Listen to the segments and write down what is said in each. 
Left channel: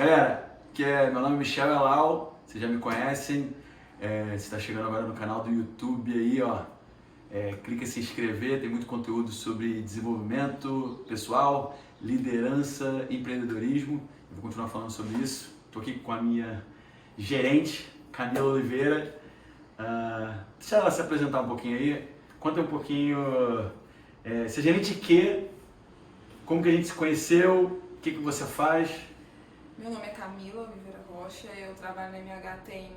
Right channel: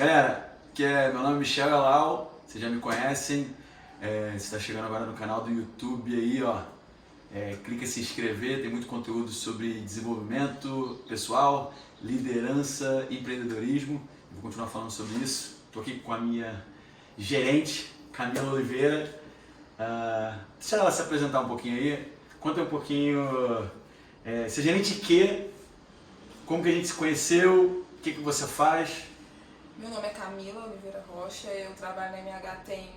Galera, meu nome é Michel Elal, vocês já me conhecem, você está chegando agora no canal do YouTube aí, ó. Clica em se inscrever, tem muito conteúdo sobre desenvolvimento pessoal, liderança, empreendedorismo. Eu vou continuar falando sobre isso. Estou aqui com a minha gerente, Camila Oliveira. Deixa ela se apresentar um pouquinho aí. Conta um pouquinho, você é gerente de quê? Como que a gente se conheceu? O que você faz? Meu nome é Camila Oliveira Rocha, eu trabalho na MH tem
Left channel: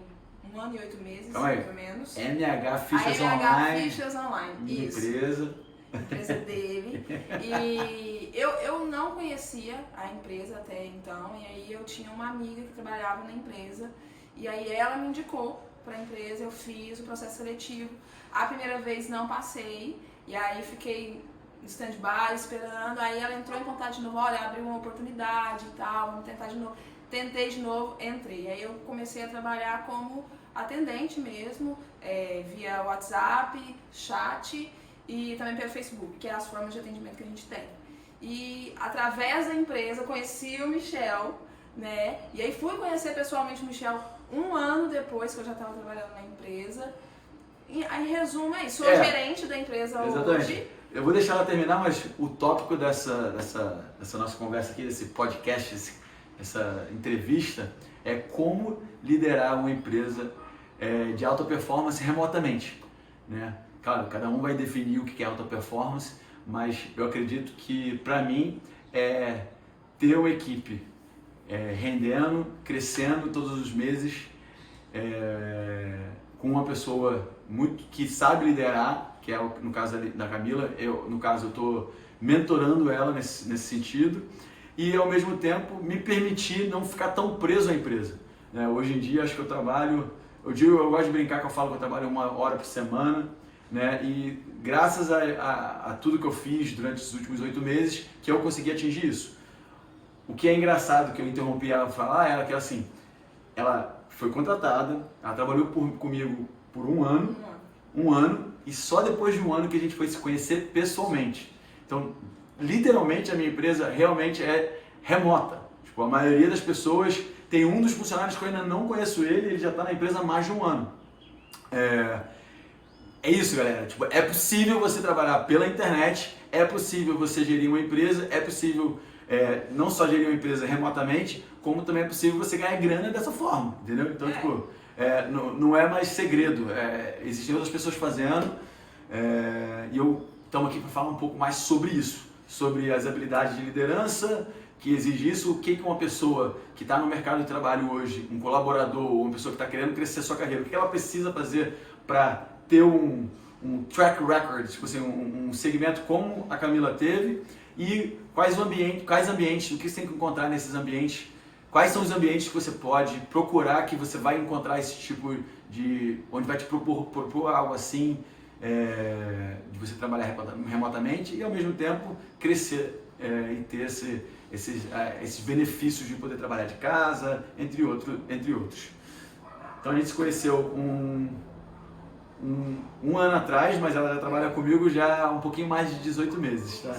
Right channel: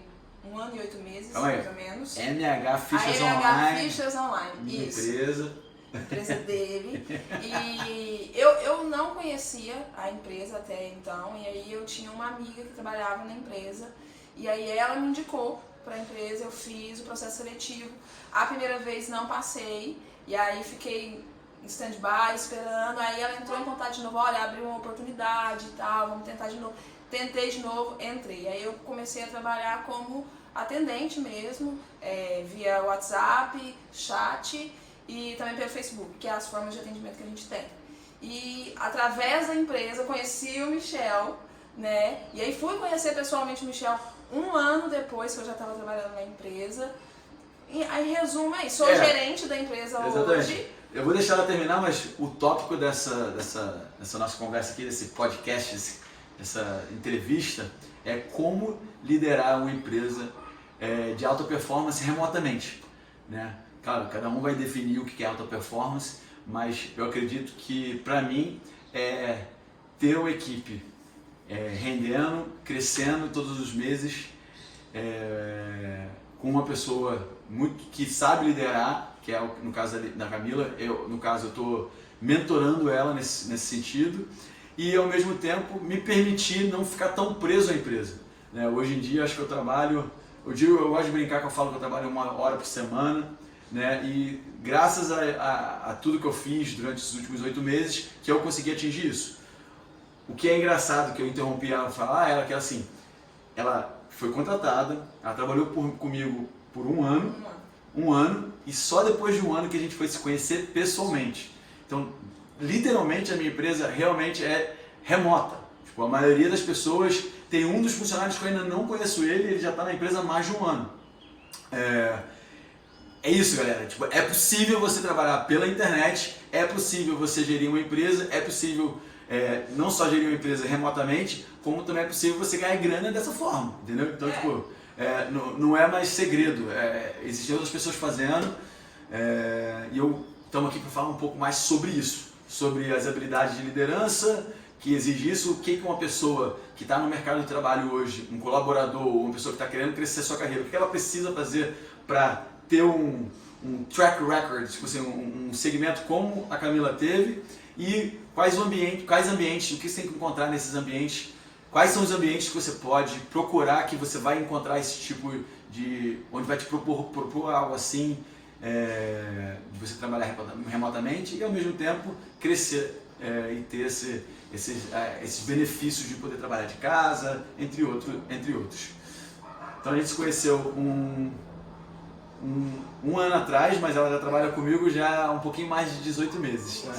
1 ano e 8 meses, Então mais ou menos. MH Fichas a MH Online. Fichas Online, isso. Empresa Dele. E eu não conhecia a empresa até então, e aí eu tinha uma amiga que trabalhava na empresa, e aí ela me indicou para a empresa, eu fiz o processo seletivo. A primeira vez não passei, e aí fiquei em stand-by, esperando, aí ela entrou em contato de novo, olha, abriu uma oportunidade e tal, vamos tentar de novo. Tentei de novo, entrei. Aí eu comecei a trabalhar como atendente mesmo, via WhatsApp, chat e também pelo Facebook, que é as formas de atendimento que a gente tem. E através da empresa conheci o Michel, né? E aí fui conhecer pessoalmente o Michel 1 ano depois que eu já estava trabalhando na empresa. E aí, resumo é isso, sou gerente da empresa hoje. Eu vou deixar ela terminar, mas o tópico dessa nossa conversa aqui, desse podcast, essa entrevista, é como liderar uma empresa de alta performance remotamente, né? Claro, cada um vai definir o que é alta performance, mas eu acredito que, para mim, é ter uma equipe rendendo, crescendo todos os meses, com uma pessoa que sabe liderar, que é no caso da Camila. No caso, eu estou mentorando ela nesse sentido, e ao mesmo tempo me permitir não ficar tão preso à empresa, né? Hoje em dia acho que eu trabalho, eu gosto de brincar que eu falo que eu trabalho 1 hora por semana, né? E graças a tudo que eu fiz durante os últimos 8 meses que eu consegui atingir isso. O que é engraçado, que eu interrompi ela para falar, era que assim, ela foi contratada, ela trabalhou comigo por 1 ano, e só depois de 1 ano que a gente foi se conhecer pessoalmente. Então, literalmente, a minha empresa realmente é remota. Tipo, a maioria das pessoas tem um dos funcionários que eu ainda não conheço ele já está na empresa há mais de 1 ano. É isso, galera. Tipo, é possível você trabalhar pela internet, é possível você gerir uma empresa, é possível não só gerir uma empresa remotamente, como também é possível você ganhar grana dessa forma, entendeu? Então, tipo, não é mais segredo, existem outras pessoas fazendo, e estamos aqui para falar um pouco mais sobre isso, sobre as habilidades de liderança que exige isso, o que uma pessoa que está no mercado de trabalho hoje, um colaborador, ou uma pessoa que está querendo crescer a sua carreira, o que ela precisa fazer para ter um track record, tipo assim, um segmento como a Camila teve, e quais ambientes, o que você tem que encontrar nesses ambientes. Quais são os ambientes que você pode procurar, que você vai encontrar esse tipo de... onde vai te propor algo assim, de você trabalhar remotamente e ao mesmo tempo crescer e ter esses benefícios de poder trabalhar de casa, entre outros. Então a gente se conheceu um ano atrás, mas ela já trabalha comigo já há um pouquinho mais de 18 meses, tá?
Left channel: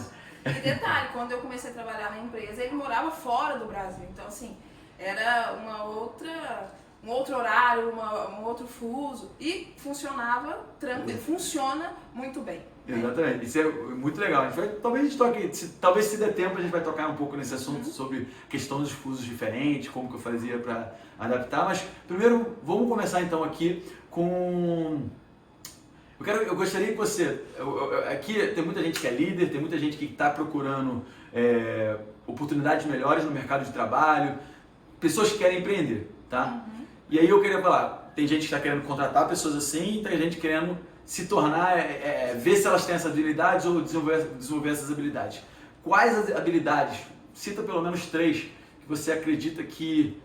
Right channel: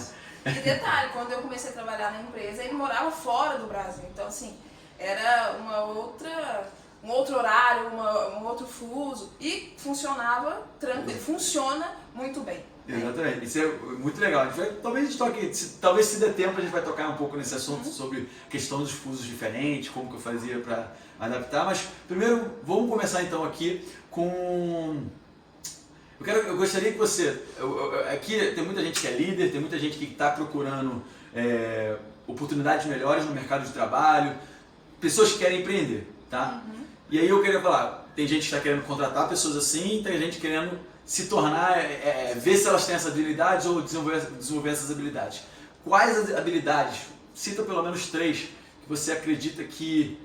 E detalhe, quando eu comecei a trabalhar na empresa, ele morava fora do Brasil, então assim, era um outro horário, um outro fuso, e funcionava tranquilo, funciona muito bem. Exatamente, isso é muito legal. Talvez a gente toque, talvez se der tempo a gente vai tocar um pouco nesse assunto sobre questão dos fusos diferentes, como que eu fazia para adaptar, mas primeiro vamos começar então aqui com... Eu gostaria que você... Aqui tem muita gente que é líder, tem muita gente que está procurando oportunidades melhores no mercado de trabalho, pessoas que querem empreender, tá? E aí eu queria falar, tem gente que está querendo contratar pessoas assim, tem gente querendo se tornar, ver se elas têm essas habilidades ou desenvolver essas habilidades. Quais as habilidades, cita pelo menos 3, que você acredita que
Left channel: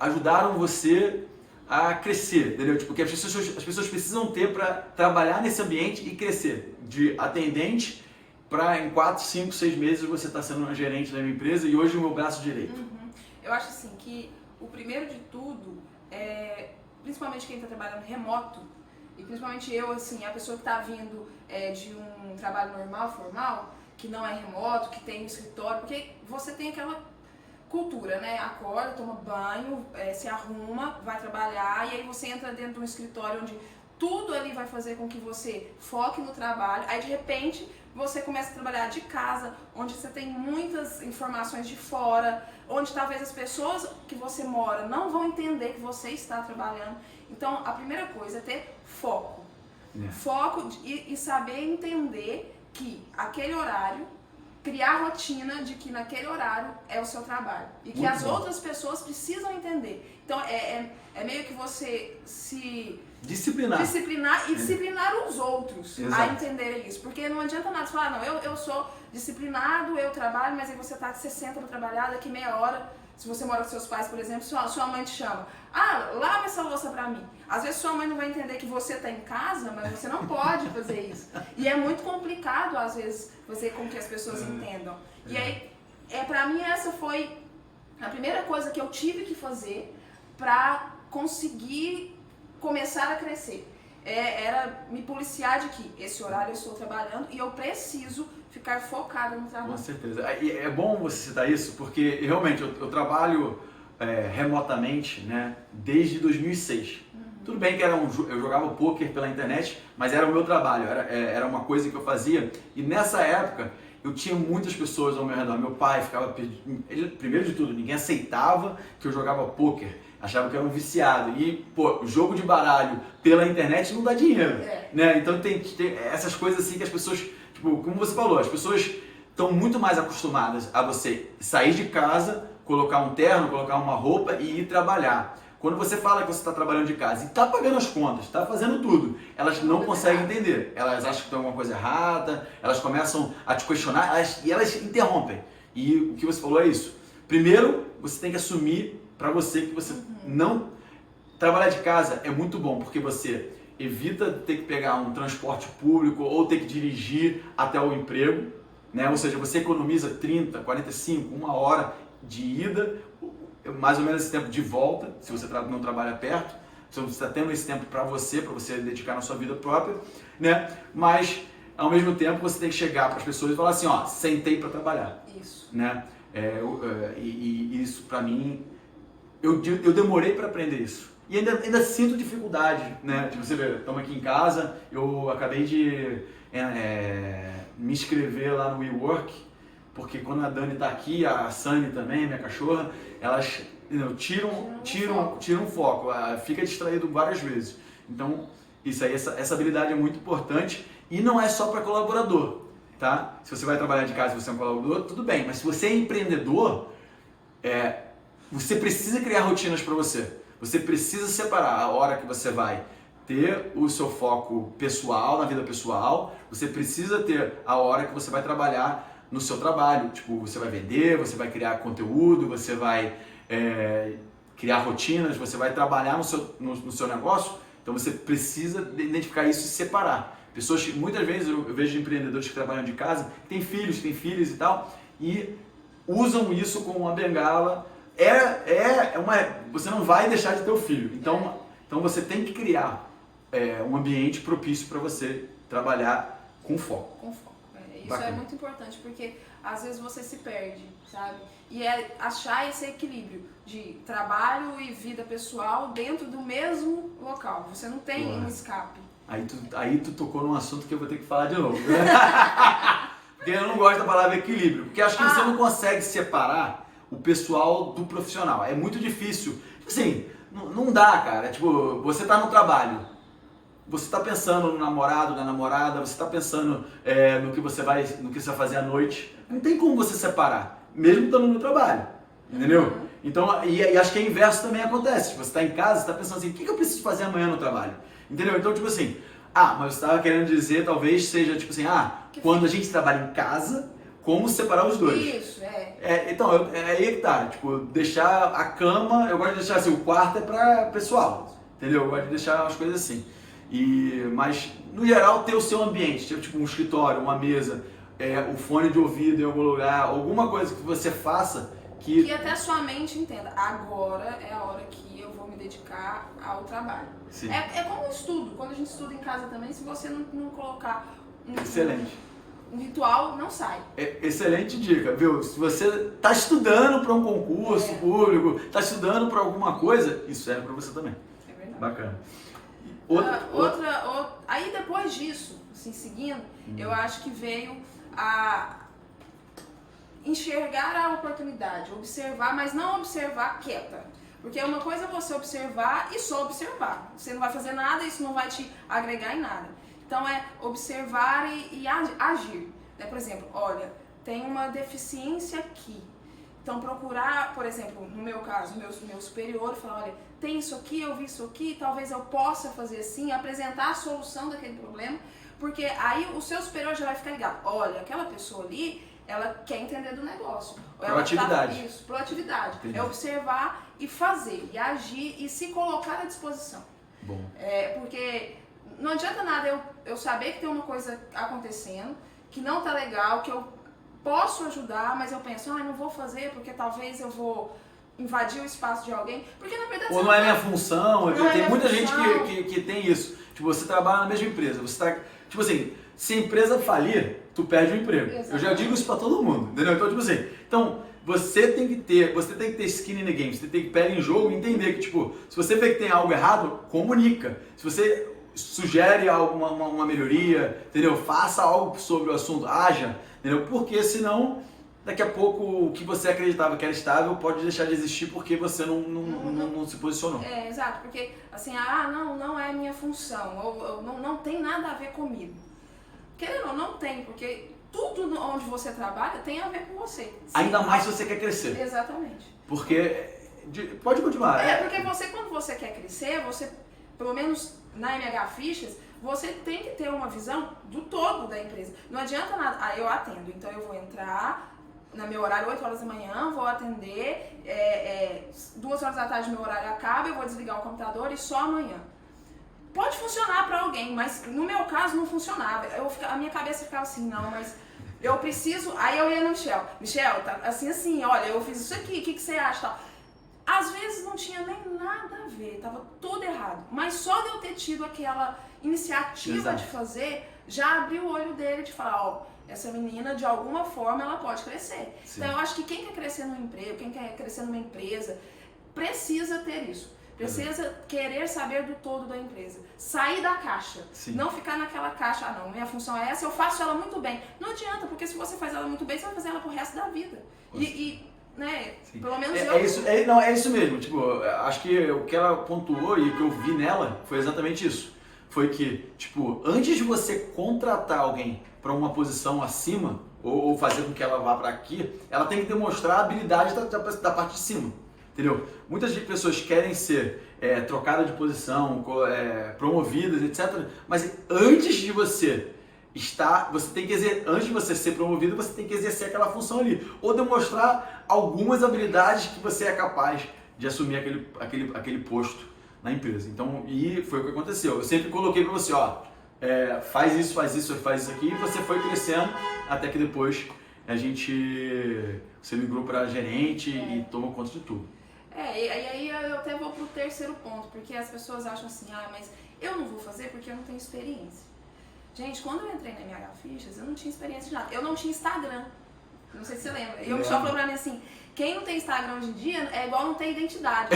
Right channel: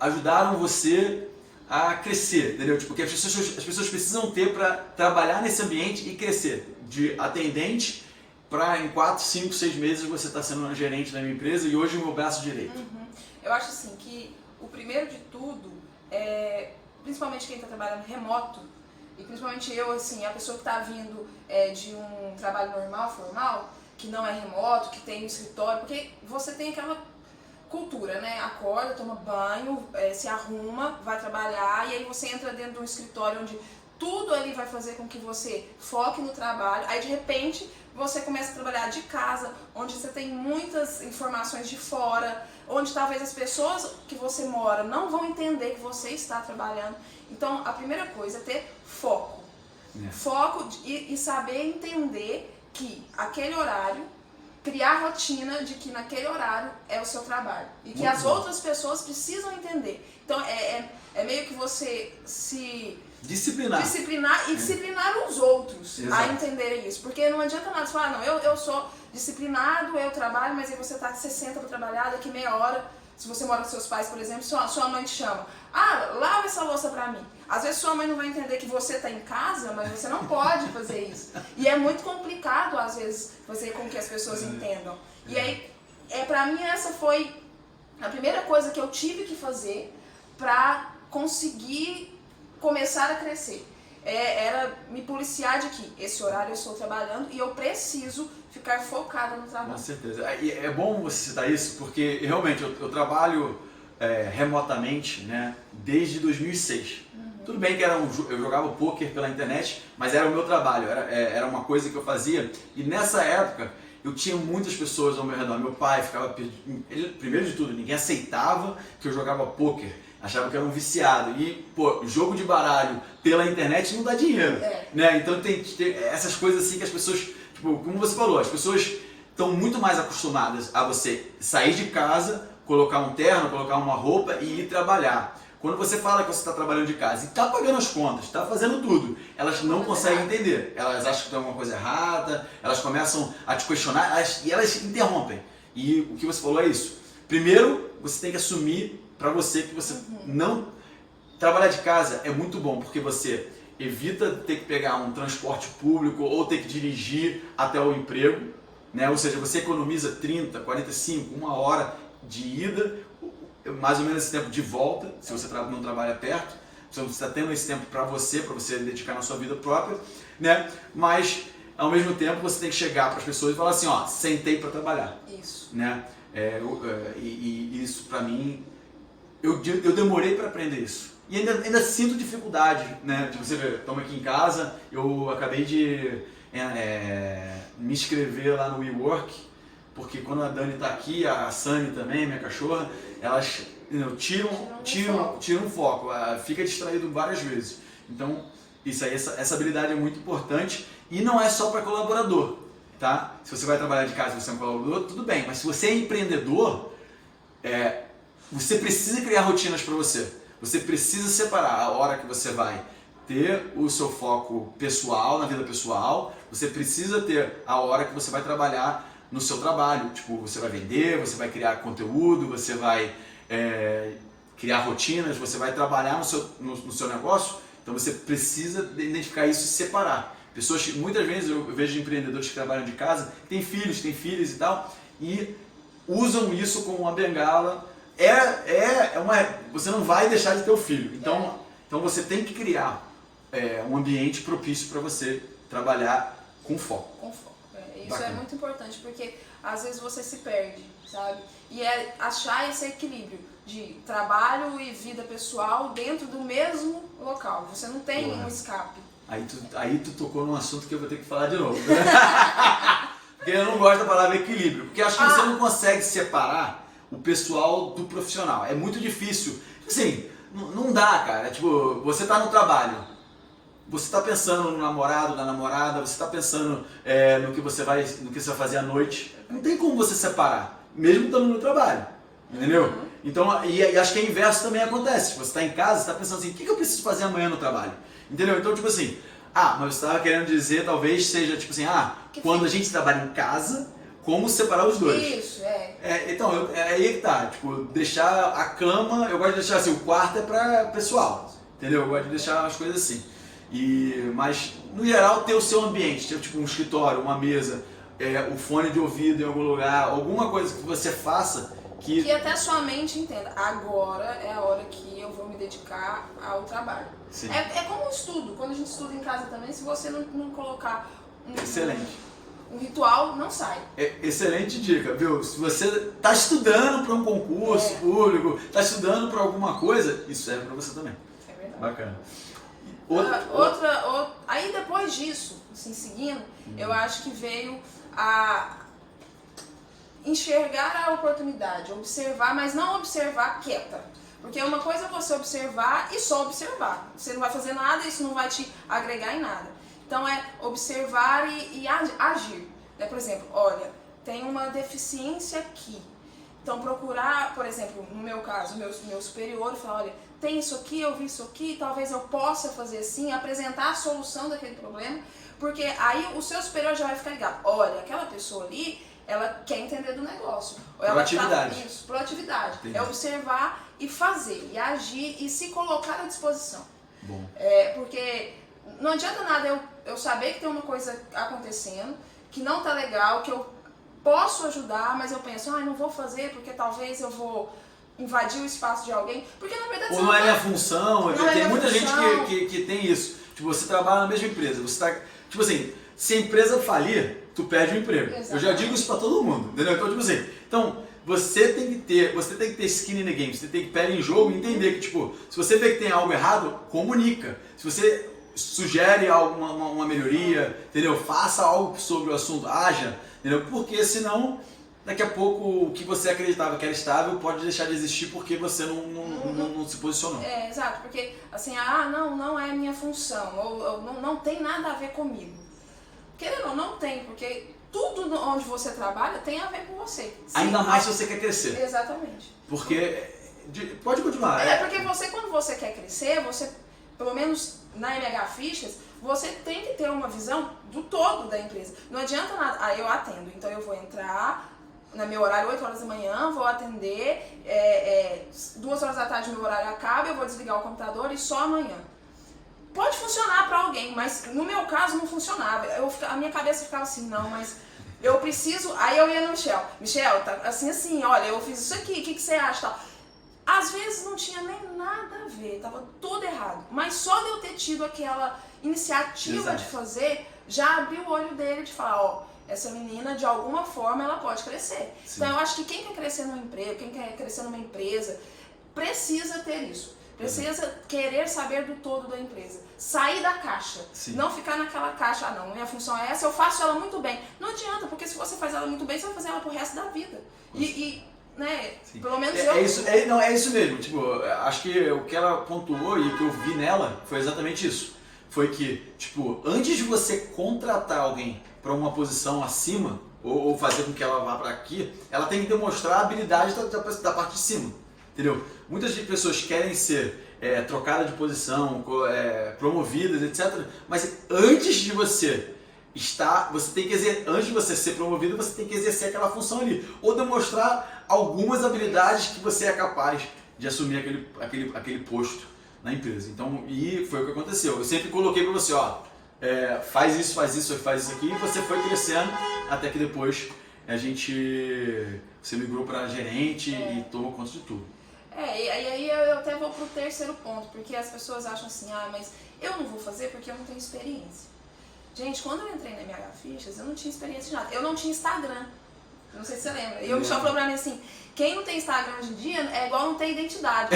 ajudaram você a crescer, entendeu? Tipo, que as pessoas precisam ter para trabalhar nesse ambiente e crescer. De atendente para em 4, 5, 6 meses você está sendo um gerente da minha empresa e hoje o meu braço direito. Eu acho assim que o primeiro de tudo principalmente quem está trabalhando remoto, e principalmente eu, assim, a pessoa que está vindo de um trabalho normal, formal, que não é remoto, que tem um escritório, porque você tem aquela cultura, né? Acorda, toma banho, se arruma, vai trabalhar, e aí você entra dentro de um escritório onde tudo ali vai fazer com que você foque no trabalho. Aí de repente você começa a trabalhar de casa, onde você tem muitas informações de fora, onde talvez as pessoas que você mora não vão entender que você está trabalhando. Então a primeira coisa é ter foco. Foco e saber entender que aquele horário, criar rotina de que naquele horário é o seu trabalho. E que as outras pessoas precisam entender. Então é meio que você se disciplinar e disciplinar os outros. Exato. A entenderem isso. Porque não adianta nada você falar, não, eu sou disciplinado, eu trabalho, mas aí você tá que você senta para trabalhar, daqui meia hora, se você mora com seus pais, por exemplo, sua mãe te chama, lava essa louça pra mim. Às vezes sua mãe não vai entender que você tá em casa, mas você não pode fazer isso. E é muito complicado, às vezes, fazer com que as pessoas entendam. E aí, pra mim, essa foi a primeira coisa que eu tive que fazer pra conseguir começar a crescer. Era me policiar de que esse horário eu estou trabalhando e eu preciso ficar focada no trabalho. Com certeza. E é bom você citar isso, porque realmente eu trabalho remotamente, né, desde 2006. Tudo bem que eu jogava poker pela internet, mas era o meu trabalho, era uma coisa que eu fazia. E nessa época eu tinha muitas pessoas ao meu redor. Meu pai ficava primeiro de tudo, ninguém aceitava que eu jogava poker. Achava que eu era um viciado. E, jogo de baralho pela internet não dá dinheiro. Né? Então tem essas coisas assim que as pessoas, tipo, como você falou, as pessoas estão muito mais acostumadas a você sair de casa, colocar um terno, colocar uma roupa e ir trabalhar. Quando você fala que você está trabalhando de casa e está pagando as contas, está fazendo tudo, elas não conseguem entender. Elas acham que tem alguma coisa errada, elas começam a te questionar e elas interrompem. E o que você falou é isso. Primeiro, você tem que assumir para você que você não... Trabalhar de casa é muito bom, porque você evita ter que pegar um transporte público ou ter que dirigir até o emprego, né? Ou seja, você economiza 30, 45, uma hora de ida, mais ou menos esse tempo de volta, se você não trabalha perto. Então você está tendo esse tempo para você dedicar na sua vida própria, né? Mas, ao mesmo tempo, você tem que chegar para as pessoas e falar assim, sentei para trabalhar. Isso. Né? E isso, para mim, eu demorei para aprender isso. E ainda sinto dificuldade, né? De você ver, estamos aqui em casa, eu acabei de me inscrever lá no WeWork, porque quando a Dani está aqui, a Sunny também, minha cachorra, elas tiram foco, fica distraído várias vezes. Então, isso aí, essa habilidade é muito importante e não é só para colaborador, tá? Se você vai trabalhar de casa e você é um colaborador, tudo bem, mas se você é empreendedor, você precisa criar rotinas para você. Você precisa separar a hora que você vai ter o seu foco pessoal, na vida pessoal, você precisa ter a hora que você vai trabalhar no seu trabalho. Tipo, você vai vender, você vai criar conteúdo, você vai criar rotinas, você vai trabalhar no seu negócio. Então você precisa identificar isso e separar. Muitas vezes eu vejo empreendedores que trabalham de casa, têm filhos e tal, e usam isso como uma bengala. Você não vai deixar de ter o filho. Então você tem que criar um ambiente propício para você trabalhar com foco. Com foco. Isso é muito importante, porque às vezes você se perde, sabe? E achar esse equilíbrio de trabalho e vida pessoal dentro do mesmo local. Você não tem um escape. Aí tu tocou num assunto que eu vou ter que falar de novo. Porque eu não gosto da palavra equilíbrio. Porque acho que você não consegue separar o pessoal do profissional. É muito difícil. Assim, não dá, cara. Tipo, você tá no trabalho. Você está pensando no namorado, na namorada, você está pensando no que você vai fazer à noite. Não tem como você separar, mesmo estando no trabalho, entendeu? Então, e acho que o inverso também acontece. Tipo, você está em casa, você está pensando assim, o que eu preciso fazer amanhã no trabalho? Entendeu? Então, tipo assim, mas você estava querendo dizer, talvez seja tipo assim, quando a gente trabalha em casa, como separar os dois? Isso, então, aí que tá, tipo, deixar a cama, eu gosto de deixar assim, o quarto é para pessoal, entendeu? Eu gosto de deixar as coisas assim. Mas, no geral, ter o seu ambiente, tipo um escritório, uma mesa, um fone de ouvido em algum lugar, alguma coisa que você faça que até a sua mente entenda, agora é a hora que eu vou me dedicar ao trabalho. Sim. É como um estudo, quando a gente estuda em casa também, se você não colocar Excelente. um ritual não sai. Excelente dica, viu? Se você está estudando para um concurso público, está estudando para alguma coisa, isso serve para você também. É verdade. Bacana. Aí depois disso, assim, seguindo, eu acho que veio a enxergar a oportunidade, observar, mas não observar quieta. Porque uma coisa é você observar e só observar. Você não vai fazer nada, isso não vai te agregar em nada. Então é observar e agir. Por exemplo, olha, tem uma deficiência aqui. Então procurar, por exemplo, no meu caso, meu superior, falar, olha, tem isso aqui, eu vi isso aqui, talvez eu possa fazer assim, apresentar a solução daquele problema, porque aí o seu superior já vai ficar ligado. Olha, aquela pessoa ali, ela quer entender do negócio. Proatividade. Isso, proatividade. Entendi. É observar e fazer, e agir e se colocar à disposição. Bom. Porque não adianta nada eu saber que tem uma coisa acontecendo, que não tá legal, que eu posso ajudar, mas eu penso, não vou fazer porque talvez eu vou invadir o espaço de alguém, porque na verdade... Ou não é minha função, tem muita gente função. que tem isso. Tipo, você trabalha na mesma empresa, você tá... Tipo assim, se a empresa falir, tu perde o emprego. Exatamente. Eu já digo isso pra todo mundo, entendeu? Então, tipo assim, você tem que ter skin in the game, você tem que pé em jogo e entender que, tipo, se você vê que tem algo errado, comunica. Se você sugere uma melhoria, entendeu? Faça algo sobre o assunto, haja, entendeu? Porque senão, daqui a pouco, o que você acreditava que era estável pode deixar de existir porque você não se posicionou. Exato, porque assim, não é minha função, ou não tem nada a ver comigo. Querendo ou não tem, porque tudo onde você trabalha tem a ver com você. Sim. Ainda mais se você quer crescer. Exatamente. Porque... Pode continuar. Porque quando você quer crescer, você, pelo menos na MH Fichas, você tem que ter uma visão do todo da empresa. Não adianta nada, eu atendo, então eu vou entrar no meu horário 8 horas da manhã, vou atender, 2 horas da tarde meu horário acaba, eu vou desligar o computador e só amanhã. Pode funcionar para alguém, mas no meu caso não funcionava. A minha cabeça ficava assim, não, mas eu preciso... Aí eu ia no Michel, tá assim, olha, eu fiz isso aqui, o que você acha? Tal. Às vezes não tinha nem nada a ver, tava tudo errado. Mas só de eu ter tido aquela iniciativa Exato. de fazer, já abriu o olho dele de falar, essa menina de alguma forma ela pode crescer. Sim. Então eu acho que quem quer crescer no emprego, quem quer crescer numa empresa, precisa ter isso. Precisa querer saber do todo da empresa. Sair da caixa. Sim. Não ficar naquela caixa, não, minha função é essa, eu faço ela muito bem. Não adianta, porque se você faz ela muito bem, você vai fazer ela pro resto da vida. Né? Sim. Pelo menos é isso mesmo. Tipo, acho que o que ela pontuou e o que eu vi nela foi exatamente isso. Foi que, tipo, antes de você contratar alguém para uma posição acima, ou fazer com que ela vá para aqui, ela tem que demonstrar a habilidade da parte de cima. Entendeu? Muitas pessoas querem ser trocadas de posição, promovidas, etc. Mas antes de você antes de você ser promovido, você tem que exercer aquela função ali. Ou demonstrar algumas habilidades que você é capaz de assumir aquele posto na empresa. Então, e foi o que aconteceu. Eu sempre coloquei para você, faz isso aqui, e você foi crescendo até que depois você migrou para gerente e tomou conta de tudo. E aí eu até vou pro terceiro ponto, porque as pessoas acham assim, mas eu não vou fazer porque eu não tenho experiência. Gente, quando eu entrei na MH Fichas, eu não tinha experiência de nada. Eu não tinha Instagram. Não sei se você lembra. E o Michel falou pra mim assim, quem não tem Instagram hoje em dia é igual não ter identidade,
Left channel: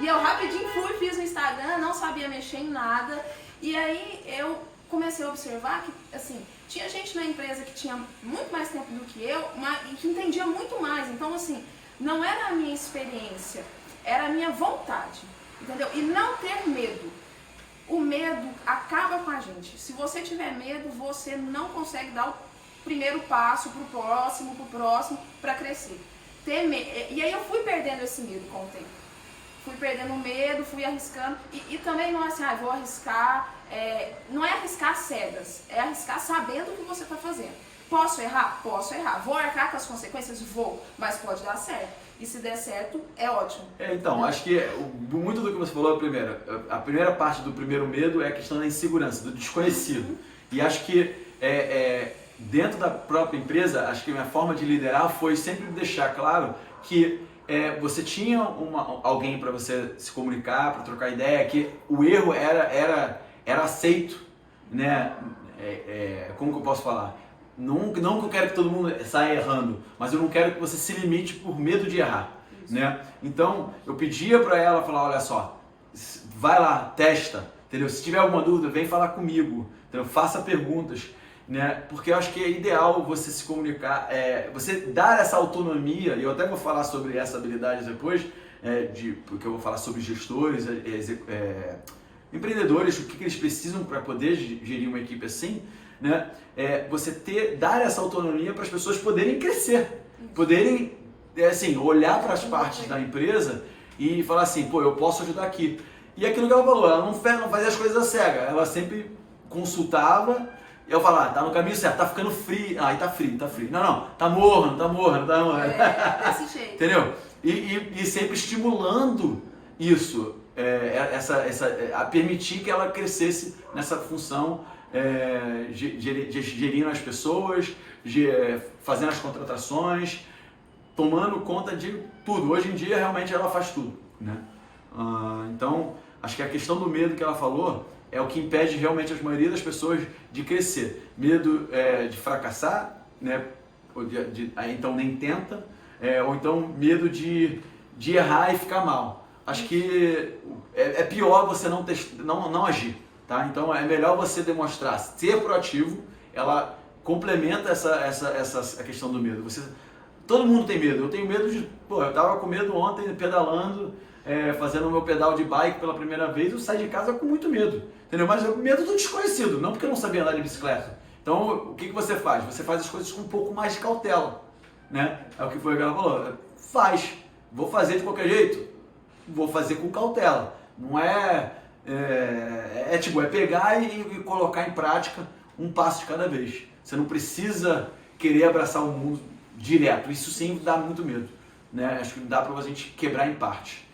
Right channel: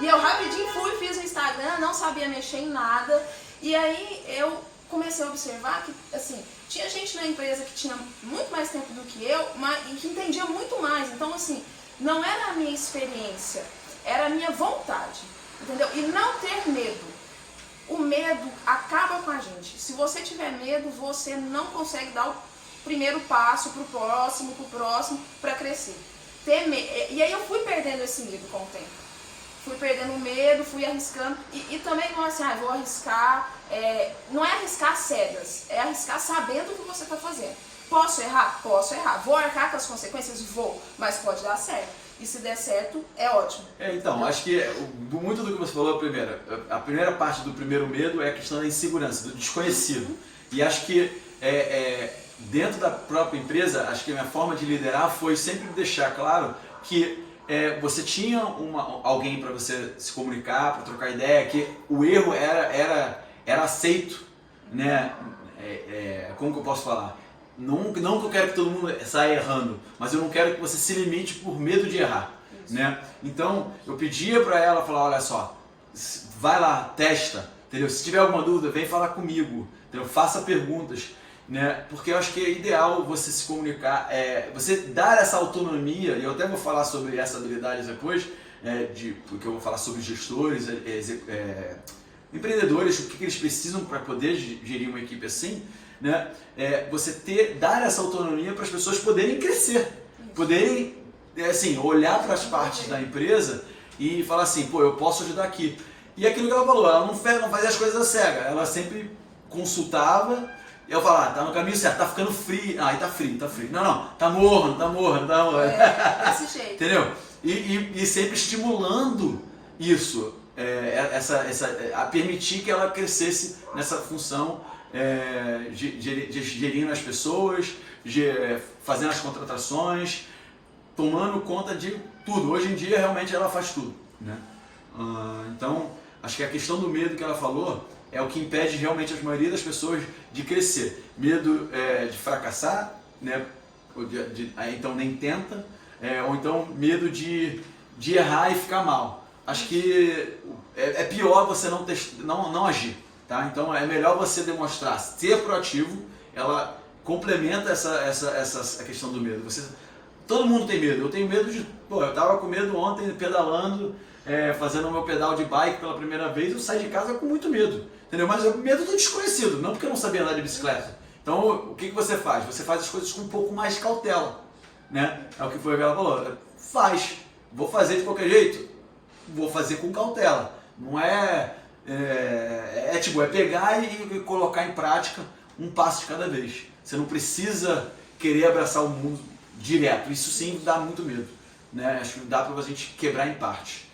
E eu rapidinho fiz o Instagram, não sabia mexer em nada. E aí eu comecei a observar que, assim, tinha gente na empresa que tinha muito mais tempo do que eu, e que entendia muito mais. Então, assim, não era a minha experiência, era a minha vontade, entendeu? E não ter medo. O medo acaba com a gente. Se você tiver medo, você não consegue dar o primeiro passo pro próximo, para crescer. E aí eu fui perdendo esse medo com o tempo. Fui perdendo o medo, fui arriscando. E também não é assim, vou arriscar. Não é arriscar cegas, é arriscar sabendo o que você está fazendo. Posso errar? Posso errar. Vou arcar com as consequências? Vou. Mas pode dar certo. E se der certo, é ótimo. Então, acho que muito do que você falou, a primeira parte do primeiro medo é a questão da insegurança, do desconhecido. E acho que dentro da própria empresa, acho que a minha forma de liderar foi sempre deixar claro que você tinha alguém para você se comunicar, para trocar ideia, que o erro era aceito, né? como que eu posso falar? Não que eu quero que todo mundo saia errando, mas eu não quero que você se limite por medo de errar, né? Então, eu pedia para ela, falar, olha só, vai lá, testa, entendeu? Se tiver alguma dúvida, vem falar comigo, entendeu? Faça perguntas, né? Porque eu acho que é ideal você se comunicar, você dar essa autonomia, e eu até vou falar sobre essa habilidade depois, porque eu vou falar sobre gestores, empreendedores, o que eles precisam para poder gerir uma equipe assim, né? Você dar essa autonomia para as pessoas poderem crescer, poderem assim, olhar para as partes da empresa e falar assim, pô, eu posso ajudar aqui. E aquilo que ela falou, ela não fazia as coisas cega, ela sempre consultava, e eu falava, tá no caminho certo, tá ficando frio, tá frio. Não, tá morno. Desse jeito. Entendeu? E sempre estimulando isso, a permitir que ela crescesse nessa função, gerindo as pessoas, fazendo as contratações, tomando conta de tudo. Hoje em dia, realmente, ela faz tudo, né? Então, acho que a questão do medo que ela falou é o que impede realmente a maioria das pessoas de crescer. Medo de fracassar, né? Então nem tenta, ou então medo de errar e ficar mal. Acho que é pior você não agir, tá? Então é melhor você demonstrar, ser proativo. Ela complementa a questão do medo. Todo mundo tem medo. Eu tenho medo eu tava com medo ontem pedalando, fazendo o meu pedal de bike pela primeira vez, eu saí de casa com muito medo, entendeu? Mas o medo do desconhecido, não porque eu não sabia andar de bicicleta. Então, o que você faz? Você faz as coisas com um pouco mais de cautela, né? É o que foi que ela falou. Vou fazer de qualquer jeito? Vou fazer com cautela. Não é pegar e colocar em prática um passo de cada vez. Você não precisa querer abraçar o mundo direto. Isso sim dá muito medo, né? Acho que dá pra gente quebrar em parte.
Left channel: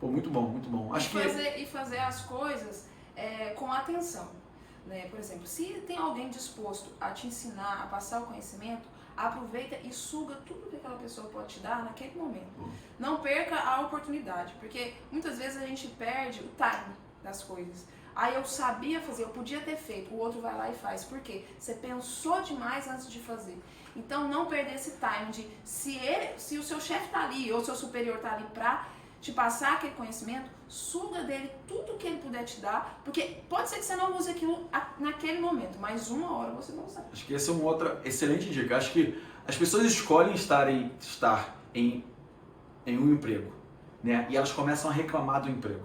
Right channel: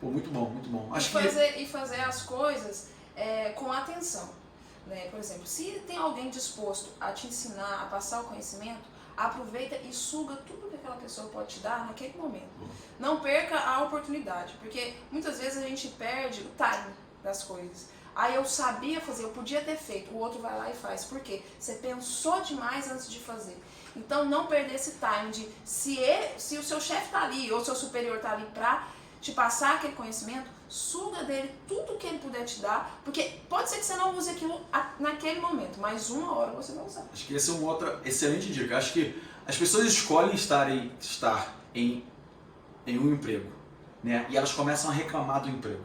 Pô, muito bom, muito bom. E fazer as coisas com atenção, né? Por exemplo, se tem alguém disposto a te ensinar, a passar o conhecimento, aproveita e suga tudo que aquela pessoa pode te dar naquele momento. Não perca a oportunidade, porque muitas vezes a gente perde o time das coisas. Aí eu sabia fazer, eu podia ter feito, o outro vai lá e faz. Por quê? Você pensou demais antes de fazer. Então não perder esse time de se o seu chefe está ali ou o seu superior está ali para te passar aquele conhecimento, suga dele tudo que ele puder te dar, porque pode ser que você não use aquilo naquele momento, mas uma hora você vai usar. Acho que essa é uma outra excelente dica. Acho que as pessoas escolhem estar em um emprego, né? E elas começam a reclamar do emprego,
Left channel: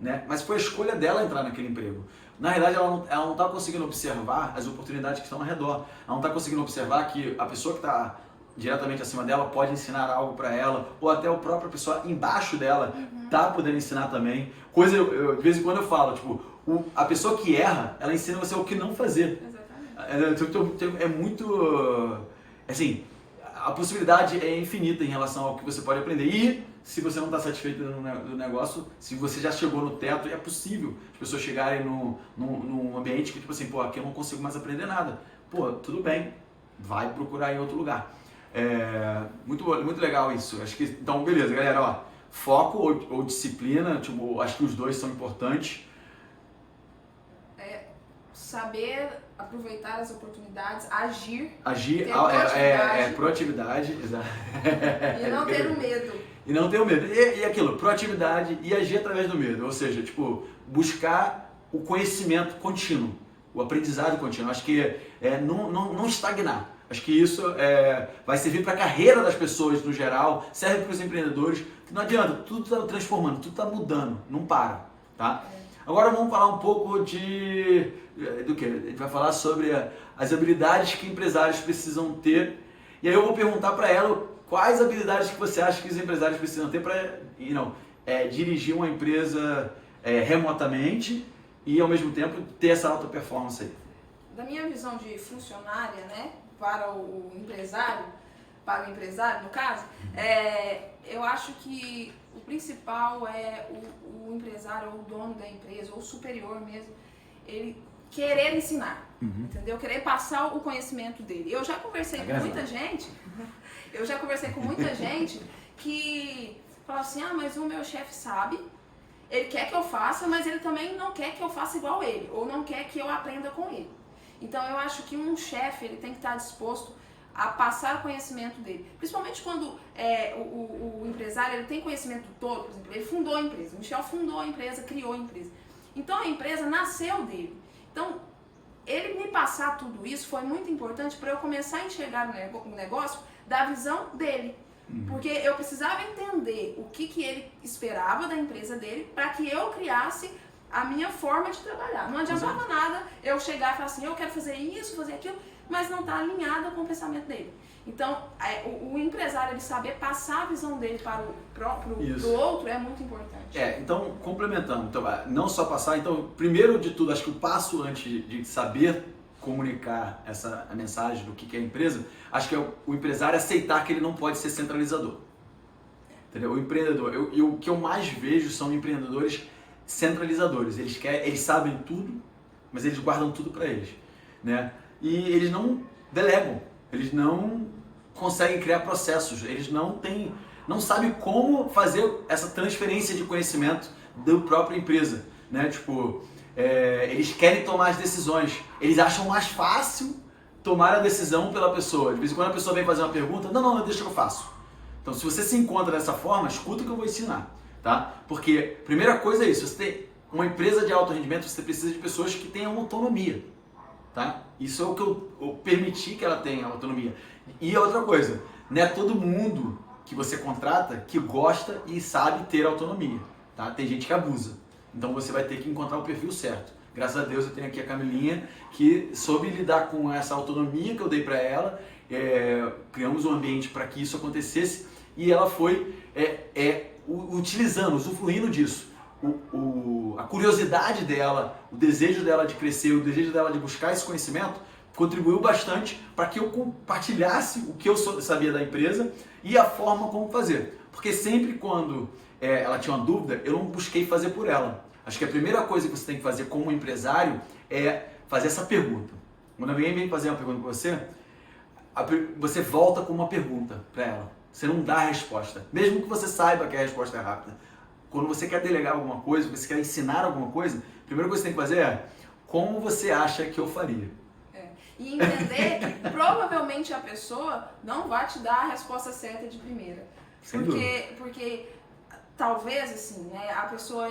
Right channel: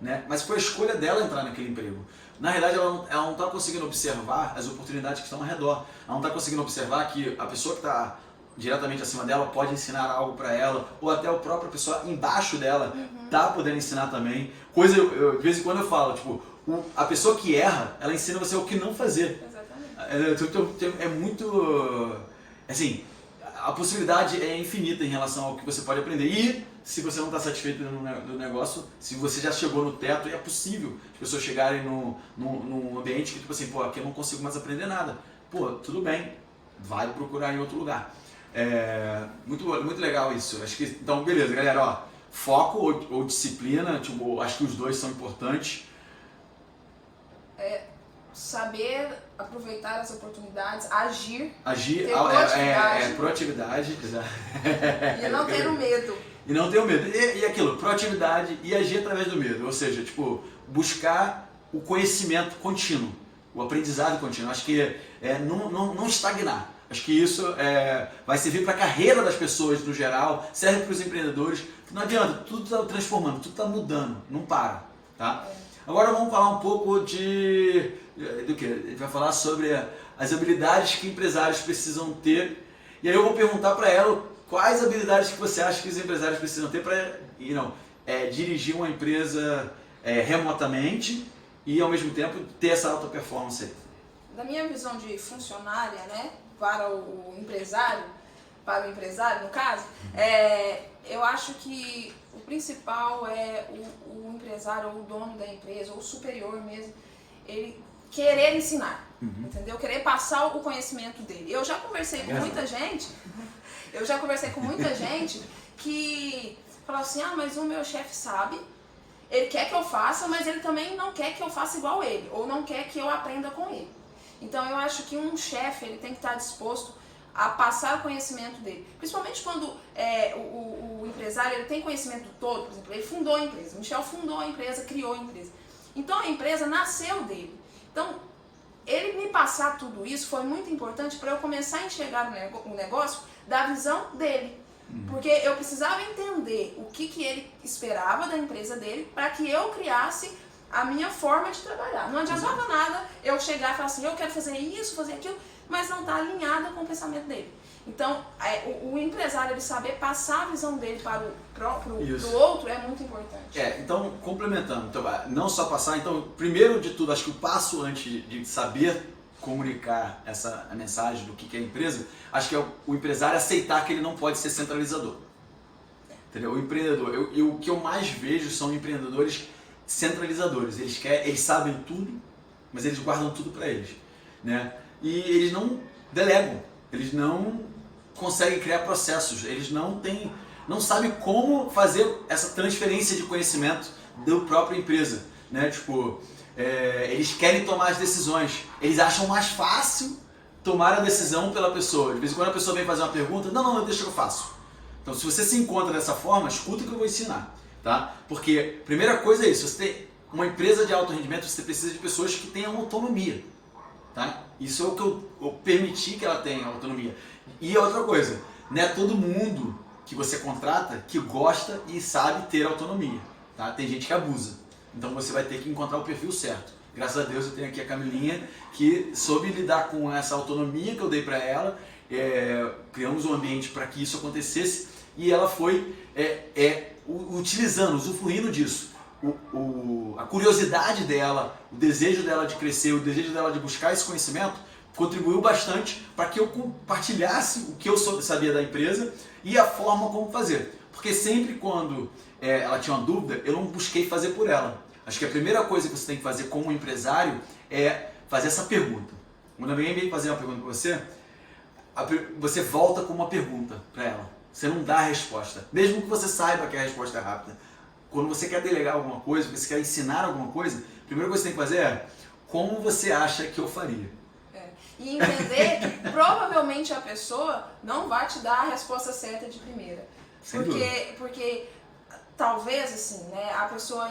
né? Mas foi a escolha dela entrar naquele emprego. Na realidade, ela não está conseguindo observar as oportunidades que estão ao redor. Ela não está conseguindo observar que a pessoa que está diretamente acima dela pode ensinar algo para ela, ou até a própria pessoa embaixo dela tá podendo ensinar também. De vez em quando eu falo, tipo, a pessoa que erra, ela ensina você o que não fazer. Exatamente. É muito, assim, a possibilidade é infinita em relação ao que você pode aprender. E se você não está satisfeito do negócio, se você já chegou no teto, é possível as pessoas chegarem num ambiente que, tipo assim, pô, aqui eu não consigo mais aprender nada. Pô, tudo bem, vai procurar em outro lugar. Muito legal isso. Acho que, então, beleza, galera, ó, foco ou disciplina, tipo, acho que os dois são importantes. Saber aproveitar as oportunidades, agir, ter proatividade, exato. E não ter o medo. E não ter o medo. E aquilo, proatividade e agir através do medo. Ou seja, tipo, buscar o conhecimento contínuo, o aprendizado contínuo. Acho que não estagnar. Acho que isso vai servir para a carreira das pessoas no geral, serve para os empreendedores. Não adianta, tudo está transformando, tudo está mudando, não para, tá? Agora vamos falar um pouco do que? A gente vai falar sobre as habilidades que empresários precisam ter. E aí eu vou perguntar para ela quais habilidades que você acha que os empresários precisam ter para dirigir uma empresa remotamente e ao mesmo tempo ter essa alta performance aí. Da minha visão de funcionária, né, para o empresário no caso, eu acho que o principal é o empresário, ou o dono da empresa, ou o superior mesmo, ele querer ensinar, entendeu? Querer passar o conhecimento dele. Eu já conversei com muita gente, que fala assim, mas o meu chefe sabe, ele quer que eu faça, mas ele também não quer que eu faça igual ele, ou não quer que eu aprenda com ele. Então eu acho que um chefe ele tem que estar disposto a passar o conhecimento dele. Principalmente quando o empresário ele tem conhecimento do todo, por exemplo, ele fundou a empresa, o Michel fundou a empresa, criou a empresa. Então a empresa nasceu dele. Então ele me passar tudo isso foi muito importante para eu começar a enxergar o negócio da visão dele. Porque eu precisava entender o que ele esperava da empresa dele para que eu criasse a minha forma de trabalhar. Não adiantava nada eu chegar e falar assim, eu quero fazer isso, fazer aquilo, mas não está alinhada com o pensamento dele. Então, o empresário ele saber passar a visão dele para o outro é muito importante. Então, complementando, então, não só passar, então, primeiro de tudo, acho que o passo antes de saber comunicar a mensagem do que é a empresa, acho que é o empresário aceitar que ele não pode ser centralizador. Entendeu? O empreendedor, o que eu mais vejo são empreendedores centralizadores. Eles sabem tudo, mas eles guardam tudo para eles, né? E eles não delegam, eles não conseguem criar processos, eles não sabem como fazer essa transferência de conhecimento da própria empresa, né? Tipo, eles querem tomar as decisões, eles acham mais fácil tomar a decisão pela pessoa. De vez em quando a pessoa vem fazer uma pergunta, não, deixa que eu faço. Então, se você se encontra dessa forma, escuta o que eu vou ensinar, tá? Porque, primeira coisa é isso, você tem uma empresa de alto rendimento, você precisa de pessoas que tenham autonomia, tá? Isso é o que eu permiti que ela tenha autonomia. E outra coisa, não é todo mundo que você contrata que gosta e sabe ter autonomia, tá? Tem gente que abusa. Então você vai ter que encontrar o perfil certo. Graças a Deus eu tenho aqui a Camilinha que soube lidar com essa autonomia que eu dei para ela, criamos um ambiente para que isso acontecesse e ela foi utilizando, usufruindo disso. A curiosidade dela, o desejo dela de crescer, o desejo dela de buscar esse conhecimento contribuiu bastante para que eu compartilhasse o que eu sabia da empresa e a forma como fazer. Porque sempre quando ela tinha uma dúvida, eu não busquei fazer por ela. Acho que a primeira coisa que você tem que fazer como empresário é fazer essa pergunta. Quando alguém vem fazer uma pergunta para você, você volta com uma pergunta para ela. Você não dá a resposta. Mesmo que você saiba que a resposta é rápida. Quando você quer delegar alguma coisa, você quer ensinar alguma coisa, a primeira coisa que você tem que fazer é como você acha que eu faria. E entender que provavelmente a pessoa não vai te dar a resposta certa de primeira. Porque talvez assim, né, a pessoa,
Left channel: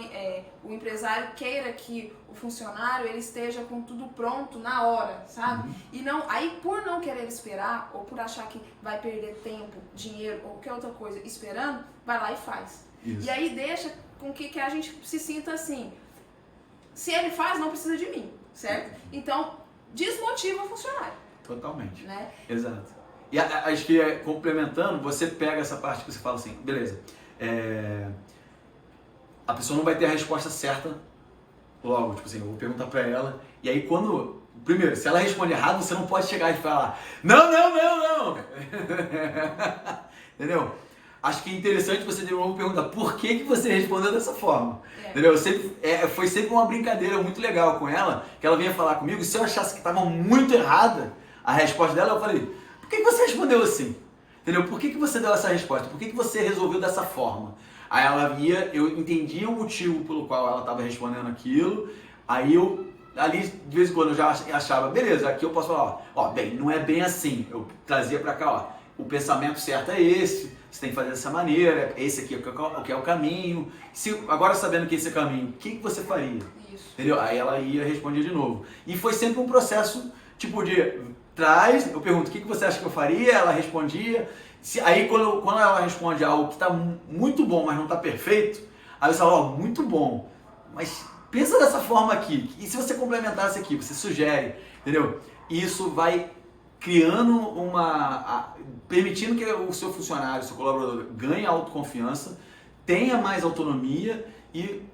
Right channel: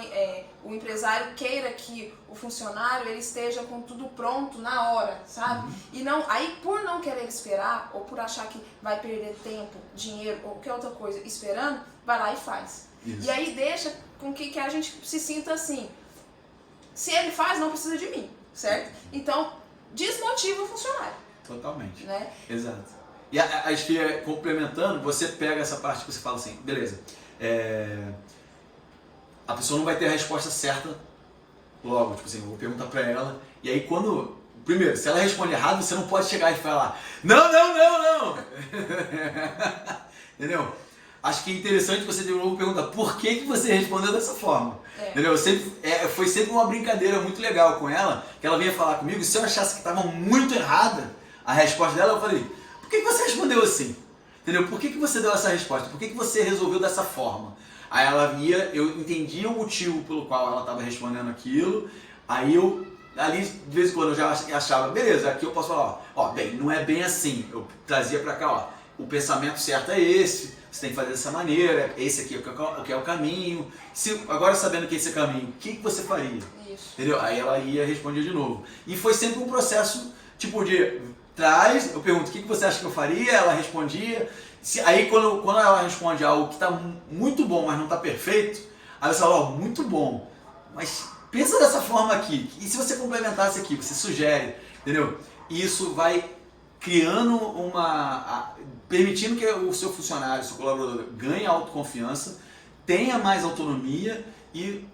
o empresário queira que o funcionário ele esteja com tudo pronto na hora, sabe? E aí por não querer esperar ou por achar que vai perder tempo, dinheiro ou qualquer outra coisa esperando, vai lá e faz. Isso. E aí deixa com que a gente se sinta assim, se ele faz, não precisa de mim, certo? Então, desmotiva o funcionário. Totalmente. Né? Exato. E acho que complementando, você pega essa parte que você fala assim, beleza, a pessoa não vai ter a resposta certa logo, tipo assim, eu vou perguntar pra ela, e aí primeiro, se ela responde errado, você não pode chegar e falar, não! Entendeu? Acho que é interessante você de novo perguntar por que você respondeu dessa forma. Entendeu? Foi sempre uma brincadeira muito legal com ela, que ela vinha falar comigo, se eu achasse que estava muito errada a resposta dela, eu falei, por que você respondeu assim? Entendeu? Por que você deu essa resposta? Por que você resolveu dessa forma? Aí ela via, eu entendia o motivo pelo qual ela estava respondendo aquilo, aí ali de vez em quando eu já achava, beleza, aqui eu posso falar, bem, não é bem assim, eu trazia pra cá, o pensamento certo é esse, você tem que fazer dessa maneira, esse aqui é o que é o caminho, agora sabendo que esse é o caminho, o que você faria? Isso. Entendeu? Aí ela ia responder de novo. E foi sempre um processo, tipo de, eu pergunto, o que você acha que eu faria? Ela respondia, aí quando ela responde algo que está muito bom, mas não está perfeito, aí você fala, muito bom, mas pensa dessa forma aqui, e se você complementasse aqui, você sugere, entendeu? E isso vai criando permitindo que o seu funcionário, o seu colaborador ganhe autoconfiança, tenha mais autonomia e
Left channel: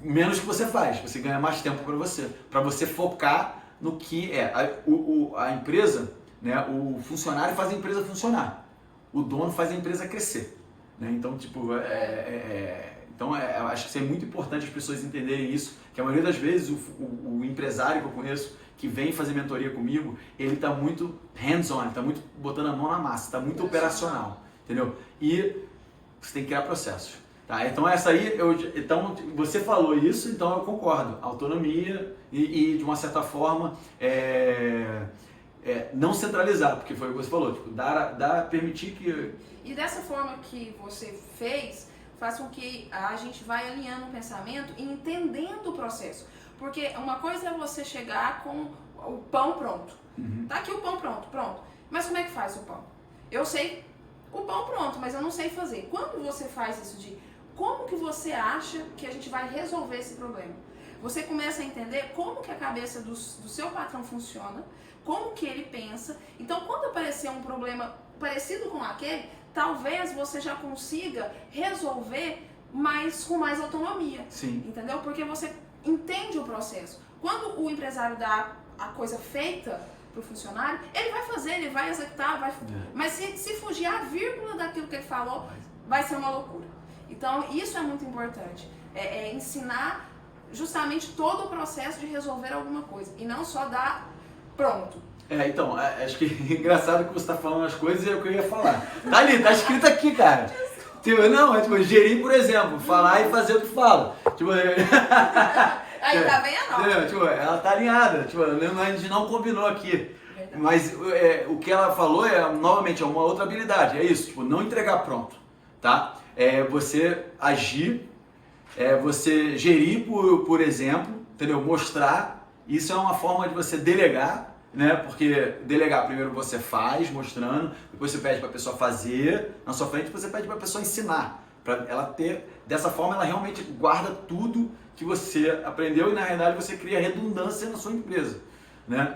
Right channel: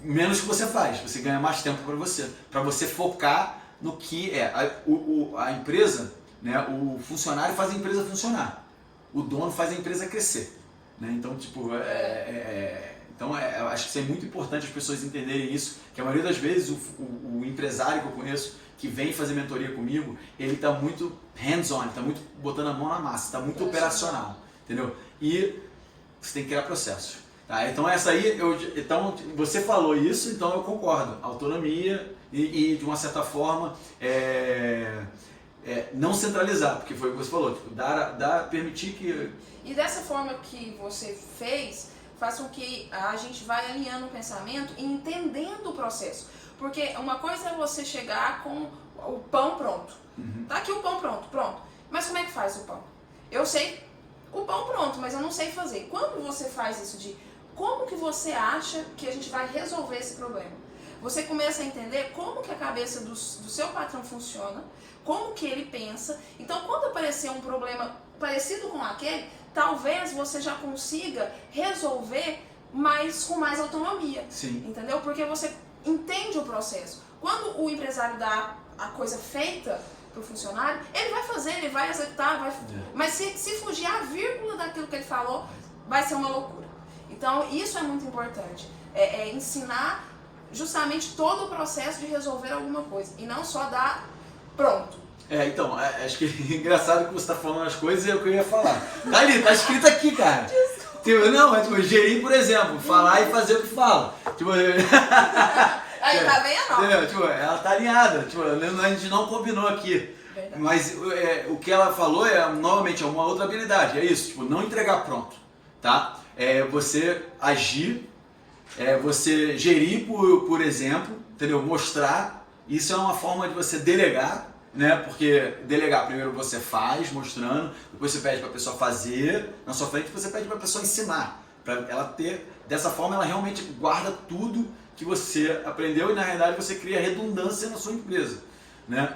menos que você faz, você ganha mais tempo para você focar no que é a empresa, né? O funcionário faz a empresa funcionar, o dono faz a empresa crescer, né? Então, tipo, Então, eu acho que isso é muito importante as pessoas entenderem isso, que a maioria das vezes o empresário que eu conheço, que vem fazer mentoria comigo, ele está muito hands-on, está muito botando a mão na massa, está muito operacional, entendeu? E você tem que criar processos. Tá? Então essa aí, então você falou isso, então eu concordo. Autonomia e de uma certa forma não centralizar, porque foi o que você falou, tipo, permitir que... E dessa forma que você fez, faz com que a gente vai alinhando o pensamento e entendendo o processo. Porque uma coisa é você chegar com o pão pronto. Tá aqui o pão pronto. Mas como é que faz o pão? Eu sei o pão pronto, mas eu não sei fazer. Quando você faz isso de como que você acha que a gente vai resolver esse problema? Você começa a entender como que a cabeça do seu patrão funciona, como que ele pensa. Então, quando aparecer um problema parecido com aquele, talvez você já consiga resolver com mais autonomia. Sim. Entendeu? Porque você entende o processo. Quando o empresário dá a coisa feita para o funcionário, ele vai fazer, ele vai executar, mas se fugir a vírgula daquilo que ele falou, vai ser uma loucura. Então, isso é muito importante. Ensinar justamente todo o processo de resolver alguma coisa e não só dar pronto. Então, acho que é engraçado que você está falando as coisas e é o que eu ia falar. Tá ali, tá escrito aqui, cara. Tipo, não, gerir, por exemplo, falar e fazer o que fala. Tipo, aí tá vendo? Tipo, ela tá alinhada, tipo, a gente não combinou aqui. Verdade. Mas o que ela falou novamente, é uma outra habilidade, é isso, tipo, não entregar pronto, tá? Você agir, você gerir por exemplo, entendeu? Mostrar, isso é uma forma de você delegar, né? Porque delegar, primeiro você faz, mostrando, depois você pede para a pessoa fazer na sua frente, depois você pede para a pessoa ensinar, para ela ter, dessa forma ela realmente guarda tudo que você aprendeu e na realidade você cria redundância na sua empresa, né?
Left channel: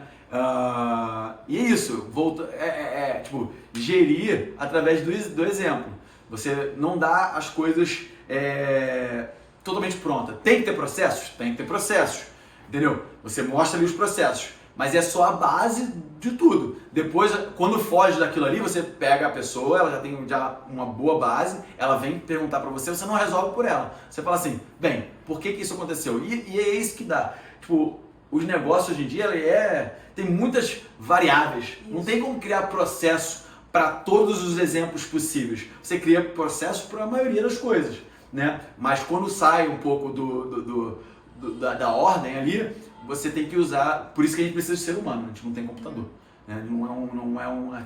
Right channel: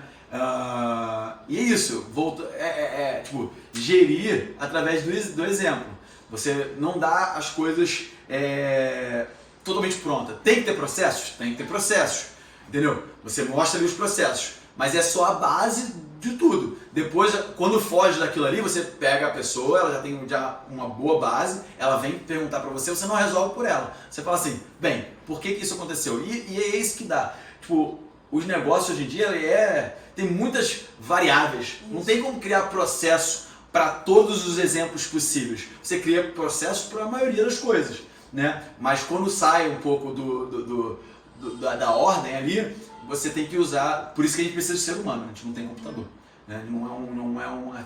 E é isso, tipo, gerir através do exemplo. Você não dá as coisas totalmente prontas. Tem que ter processos? Tem que ter processos, entendeu? Você mostra ali os processos, mas é só a base de tudo. Depois, quando foge daquilo ali, você pega a pessoa, ela já tem uma boa base, ela vem perguntar pra você, você não resolve por ela. Você fala assim, bem, por que isso aconteceu? E é isso que dá. Tipo, os negócios hoje em dia, tem muitas variáveis. Não tem como criar processo para todos os exemplos possíveis. Você cria processos para a maioria das coisas, né? Mas quando sai um pouco da ordem ali, você tem que usar, por isso que a gente precisa de ser humano, a gente não tem computador, né? Não é uma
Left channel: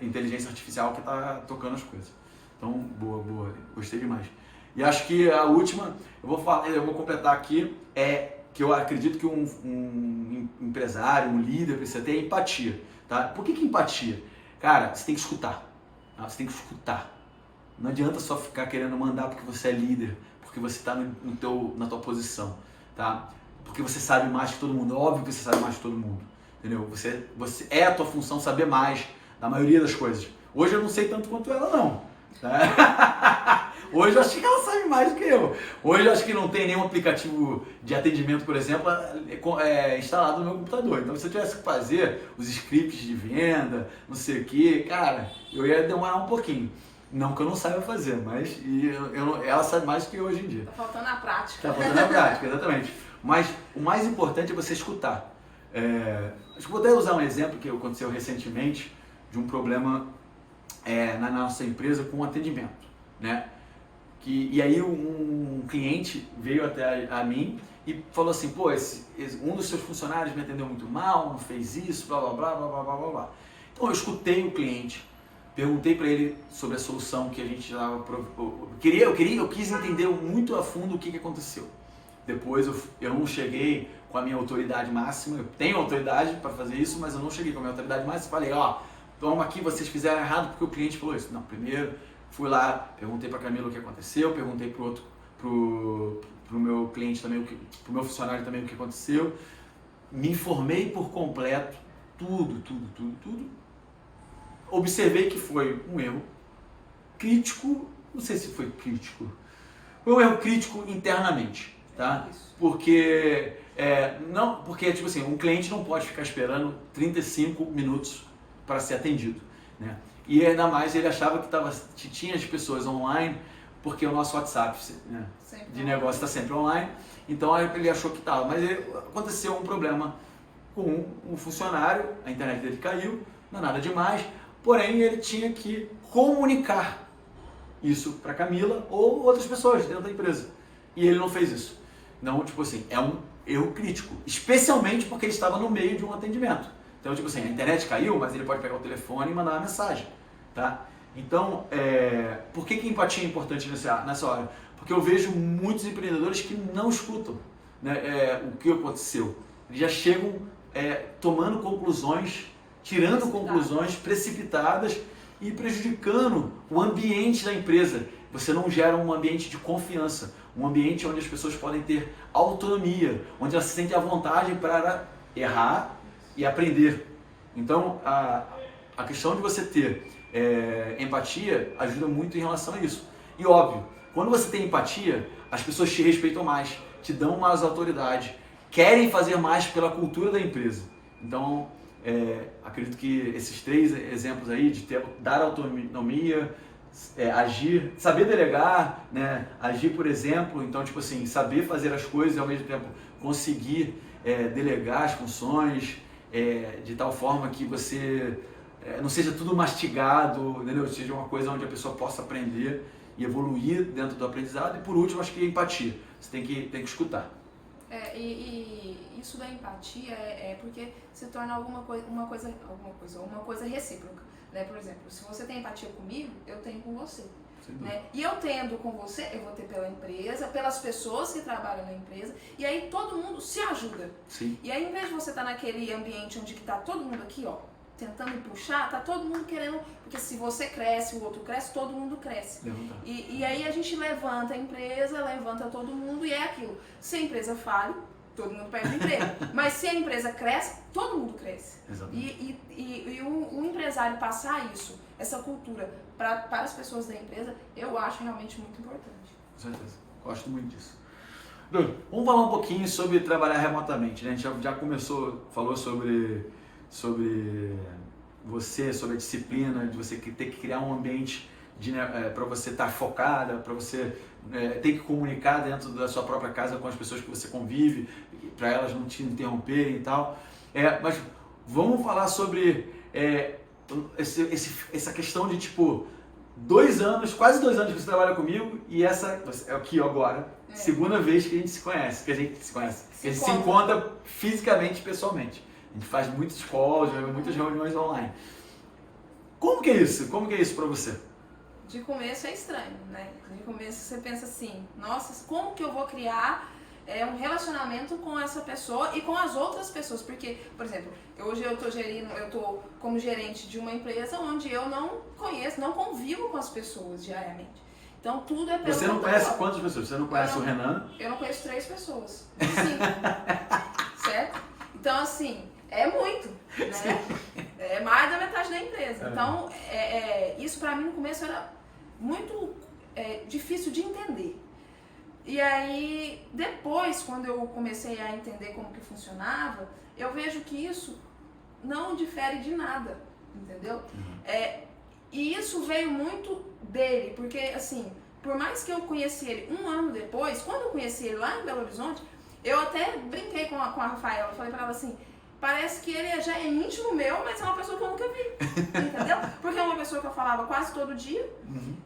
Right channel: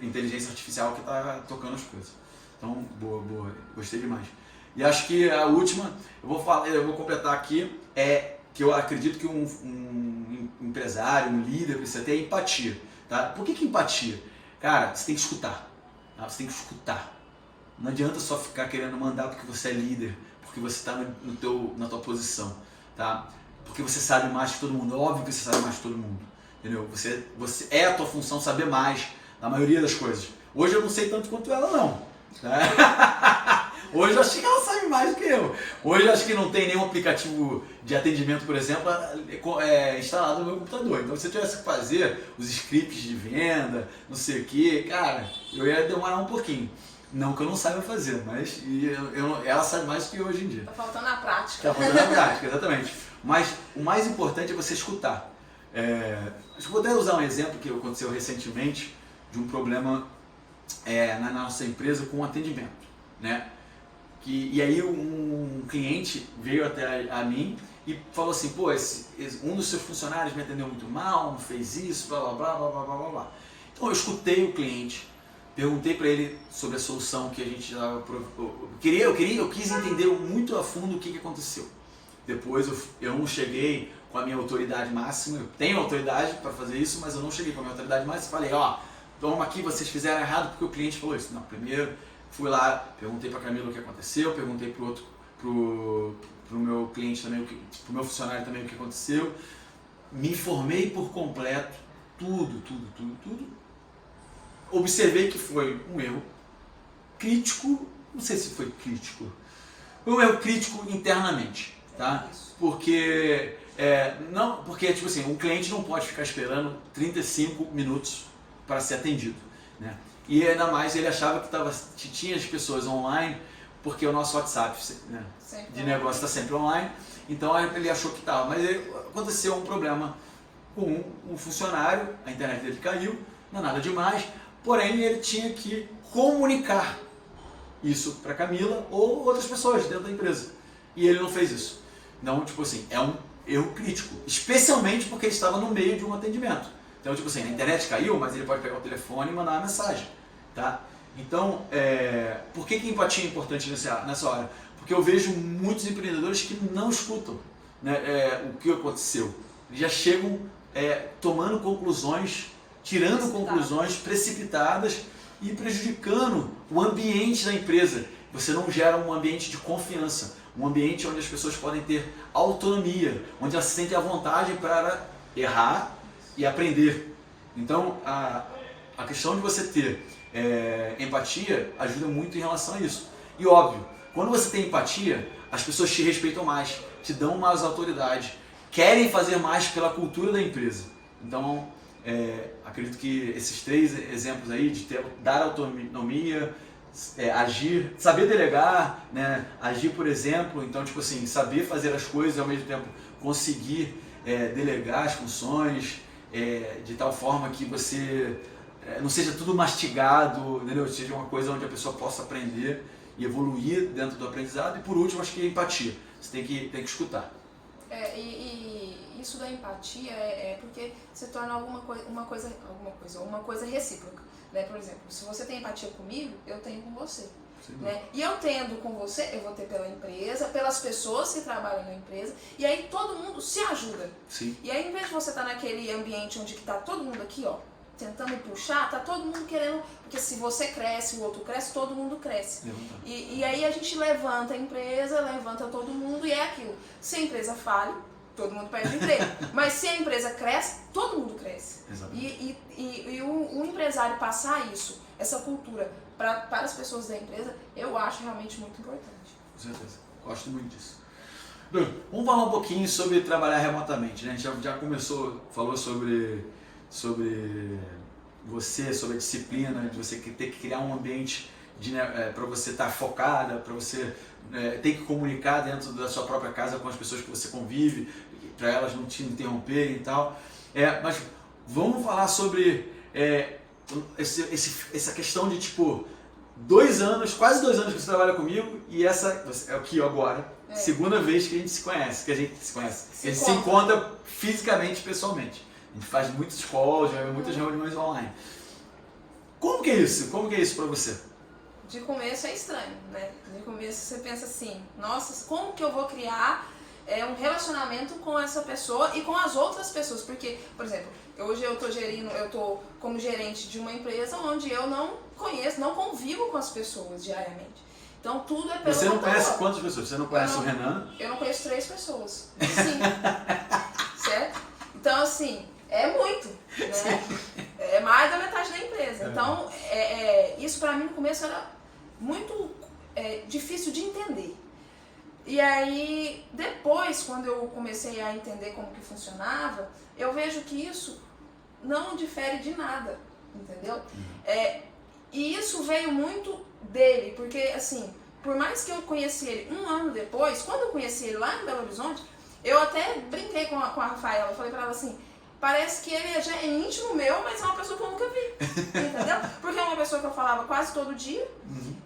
inteligência artificial que está tocando as coisas. Então, boa, gostei demais. E acho que a última, eu vou completar aqui, que eu acredito que um empresário, um líder precisa ter empatia, tá? Por que empatia? Cara, você tem que escutar, tá? Você tem que escutar. Não adianta só ficar querendo mandar porque você é líder, porque você está na tua posição, tá? Porque você sabe mais que todo mundo. É óbvio que você sabe mais que todo mundo, entendeu? É a tua função saber mais da maioria das coisas. Hoje eu não sei tanto quanto ela, não. Tá? Hoje eu acho que ela sabe mais do que eu. Hoje eu acho que não tem nenhum aplicativo de atendimento, por exemplo, instalado no meu computador. Então se eu tivesse que fazer os scripts de venda, não sei o que, cara, eu ia demorar um pouquinho. Não que eu não saiba fazer, mas ela sabe mais do que eu hoje em dia. Tá faltando a prática. Tá faltando a prática, exatamente. Mas o mais importante é você escutar. Acho que vou até usar um exemplo que aconteceu recentemente de um problema na nossa empresa com o atendimento, né? E aí um cliente veio até a mim e falou assim, pô, um dos seus funcionários me atendeu muito mal, não fez isso, blá blá blá blá blá blá blá. Então eu escutei o cliente, perguntei para ele sobre a solução que a gente estava... Eu quis entender muito a fundo o que aconteceu. Depois eu não cheguei com a minha autoridade máxima, eu tenho autoridade para fazer isso, mas eu não cheguei com a minha autoridade máxima e falei, toma aqui, vocês fizeram errado porque o cliente falou isso. Não, primeiro fui lá, perguntei para a Camila o que aconteceu, perguntei pro meu cliente também, pro meu funcionário também o que aconteceu, me informei por completo, tudo. Observei que foi um erro crítico, não sei se foi crítico, foi um erro crítico internamente, tá? Porque tipo assim, um cliente não pode ficar esperando 35 minutos para ser atendido, né? E ainda mais ele achava que tinha as pessoas online, porque o nosso WhatsApp, né, de negócio está sempre online, então ele achou que estava. Mas aconteceu um problema com um funcionário, a internet dele caiu, não é nada demais, porém ele tinha que comunicar isso para Camila ou outras pessoas dentro da empresa. E ele não fez isso. Então, tipo assim, é um erro crítico, especialmente porque ele estava no meio de um atendimento. Então, tipo assim, a internet caiu, mas ele pode pegar o telefone e mandar uma mensagem, tá? Então, por que empatia é importante nessa hora? Porque eu vejo muitos empreendedores que não escutam, né, o que aconteceu. Eles já chegam tomando conclusões, tirando conclusões precipitadas e prejudicando o ambiente da empresa. Você não gera um ambiente de confiança, um ambiente onde as pessoas podem ter autonomia, onde elas se sentem à vontade para errar e aprender. Então, a questão de você ter empatia ajuda muito em relação a isso. E óbvio, quando você tem empatia, as pessoas te respeitam mais, te dão mais autoridade, querem fazer mais pela cultura da empresa. Então, acredito que esses 3 exemplos aí, de dar autonomia, agir, saber delegar, né? Agir por exemplo, então tipo assim, saber fazer as coisas e ao mesmo tempo conseguir delegar as funções de tal forma que você não seja tudo mastigado, entendeu? Seja uma coisa onde a pessoa possa aprender e evoluir dentro do aprendizado. E por último, acho que a empatia, você tem que escutar. E isso da empatia porque se torna uma coisa recíproca, né? Por exemplo, se você tem empatia comigo, eu tenho com você, né? E eu tendo com você, eu vou ter pela empresa, pelas pessoas que trabalham na empresa, e aí todo mundo se ajuda. Sim. E aí, em vez de você estar naquele ambiente onde está todo mundo aqui, ó, tentando puxar, tá todo mundo querendo, porque se você cresce, o outro cresce, todo mundo cresce. E aí a gente levanta a empresa, levanta todo mundo e é aquilo. Se a empresa fale, todo mundo perde o emprego. Mas se a empresa cresce, todo mundo cresce. Exatamente. E o empresário passar isso, essa cultura para as pessoas da empresa, eu acho realmente muito importante. Com certeza, gosto muito disso. Vamos falar um pouquinho sobre trabalhar remotamente, né? A gente já falou sobre você, sobre a disciplina, de você ter que criar um ambiente para você estar focada, para você ter que comunicar dentro da sua própria casa com as pessoas que você convive, para elas não te interromperem e tal. Mas vamos falar sobre essa questão de tipo 2 anos, quase 2 anos que você trabalha comigo e essa é aqui agora, segunda vez que a gente se conhece, que a gente se encontra fisicamente, pessoalmente. A gente faz muitos calls, muitas reuniões online. Como que é isso? Como que é isso pra você? De começo é estranho, né? De começo você pensa assim, nossa, como que eu vou criar um relacionamento com essa pessoa e com as outras pessoas? Porque, por exemplo, hoje eu tô como gerente de uma empresa onde eu não conheço, não convivo com as pessoas diariamente. Então tudo é pelo Você não conhece quantas pessoas? Você não conhece o Renan? Eu não conheço 3 pessoas. Sim. Certo? Então assim, é muito, né? É mais da metade da empresa. Então, isso pra mim no começo era muito difícil de entender. E aí, depois, quando eu comecei a entender como que funcionava, eu vejo que isso não difere de nada, entendeu? E isso veio muito dele, porque assim, por mais que eu conheci ele 1 ano depois, quando eu conheci ele lá em Belo Horizonte, eu até brinquei com a Rafaela, eu falei pra ela assim, parece que ele já é íntimo meu, mas é uma pessoa que eu nunca vi, entendeu? Porque é uma pessoa que eu falava quase todo dia,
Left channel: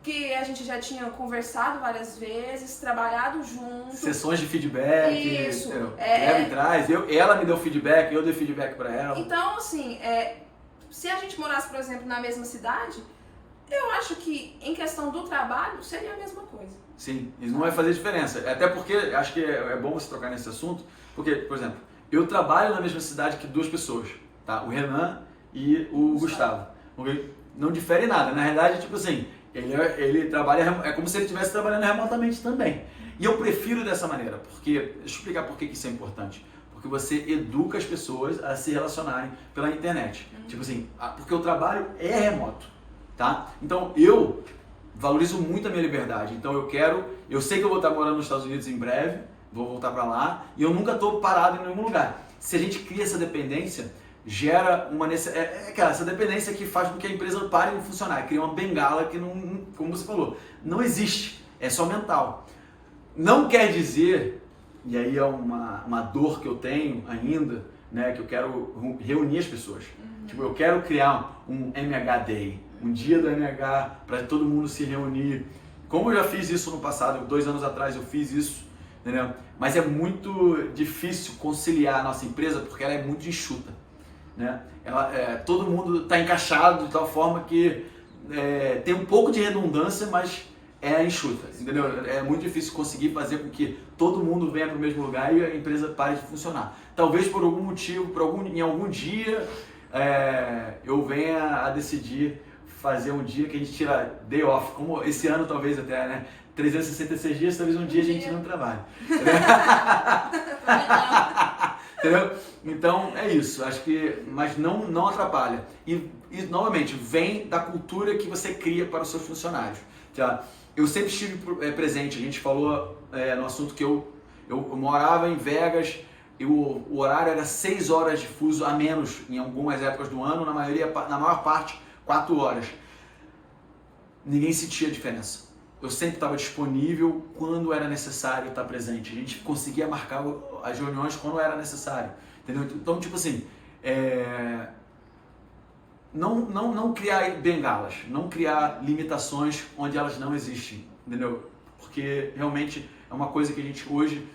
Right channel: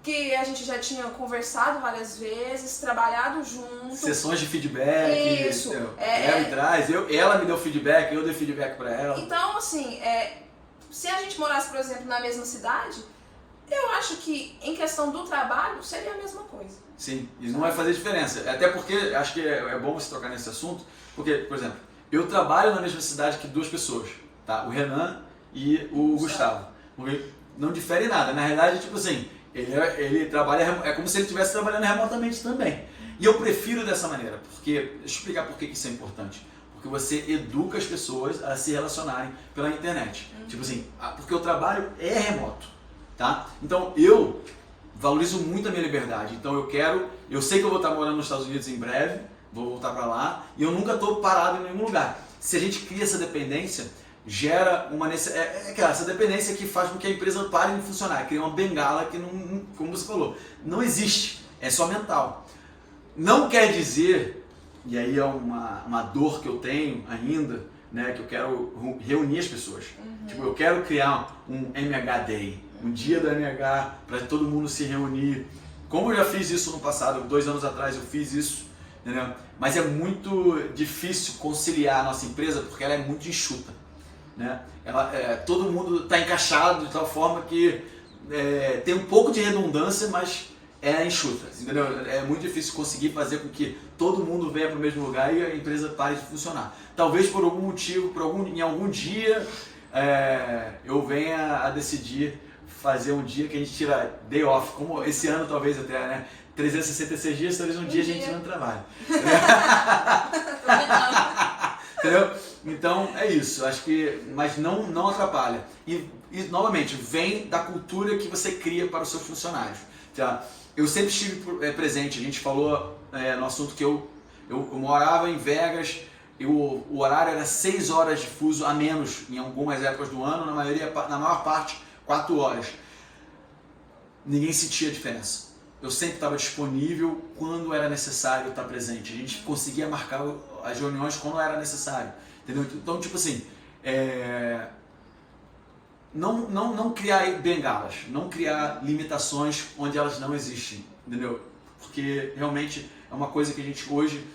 que a gente já tinha conversado várias vezes, trabalhado junto. Sessões de feedback. Isso. Ela me traz, ela me deu feedback, eu dei feedback pra ela. Então, assim, se a gente morasse, por exemplo, na mesma cidade, eu acho que em questão do trabalho seria a mesma coisa. Sim, e não vai fazer diferença. Até porque, acho que é bom você tocar nesse assunto, porque, por exemplo, eu trabalho na mesma cidade que 2 pessoas, tá? O Renan e o Gustavo. Porque não difere nada. Na realidade, tipo assim, ele trabalha, é como se ele estivesse trabalhando remotamente também. E eu prefiro dessa maneira, porque, deixa eu explicar por que isso é importante. Porque você educa as pessoas a se relacionarem pela internet. Tipo assim, porque o trabalho é remoto, tá? Então, eu valorizo muito a minha liberdade. Então, eu sei que eu vou estar morando nos Estados Unidos em breve, vou voltar para lá, e eu nunca estou parado em nenhum lugar. Se a gente cria essa dependência, gera uma essa dependência que faz com que a empresa pare de funcionar, cria uma bengala que, não, como você falou, não existe, é só mental. Não quer dizer, e aí é uma dor que eu tenho ainda, né, que eu quero reunir as pessoas. Tipo, eu quero criar um MH Day, um dia do MH para todo mundo se reunir Como eu já fiz isso no passado, 2 anos atrás eu fiz isso, entendeu? Mas é muito difícil conciliar a nossa empresa porque ela é muito enxuta, né? Todo mundo está encaixado de tal forma que tem um pouco de redundância, mas é enxuta, entendeu? É muito difícil conseguir fazer com que todo mundo venha para o mesmo lugar e a empresa pare de funcionar. Talvez por algum motivo, em algum dia, eu venha a decidir fazer um dia que a gente tira day off, como esse ano talvez até, né? 366 dias, talvez um dia a gente não trabalhe. Entendeu? Então é isso, acho que, mas não atrapalha. E novamente, vem da cultura que você cria para os seus funcionários. Tá? Eu sempre estive presente, a gente falou no assunto que eu morava em Vegas, e o horário era 6 horas de fuso a menos em algumas épocas do ano, na maior parte 4 horas. Ninguém sentia a diferença. Eu sempre estava disponível quando era necessário estar presente. A gente conseguia marcar as reuniões quando era necessário. Entendeu? Então, tipo assim, não criar bengalas, não criar limitações onde elas não existem. Entendeu? Porque realmente é uma coisa que a gente hoje,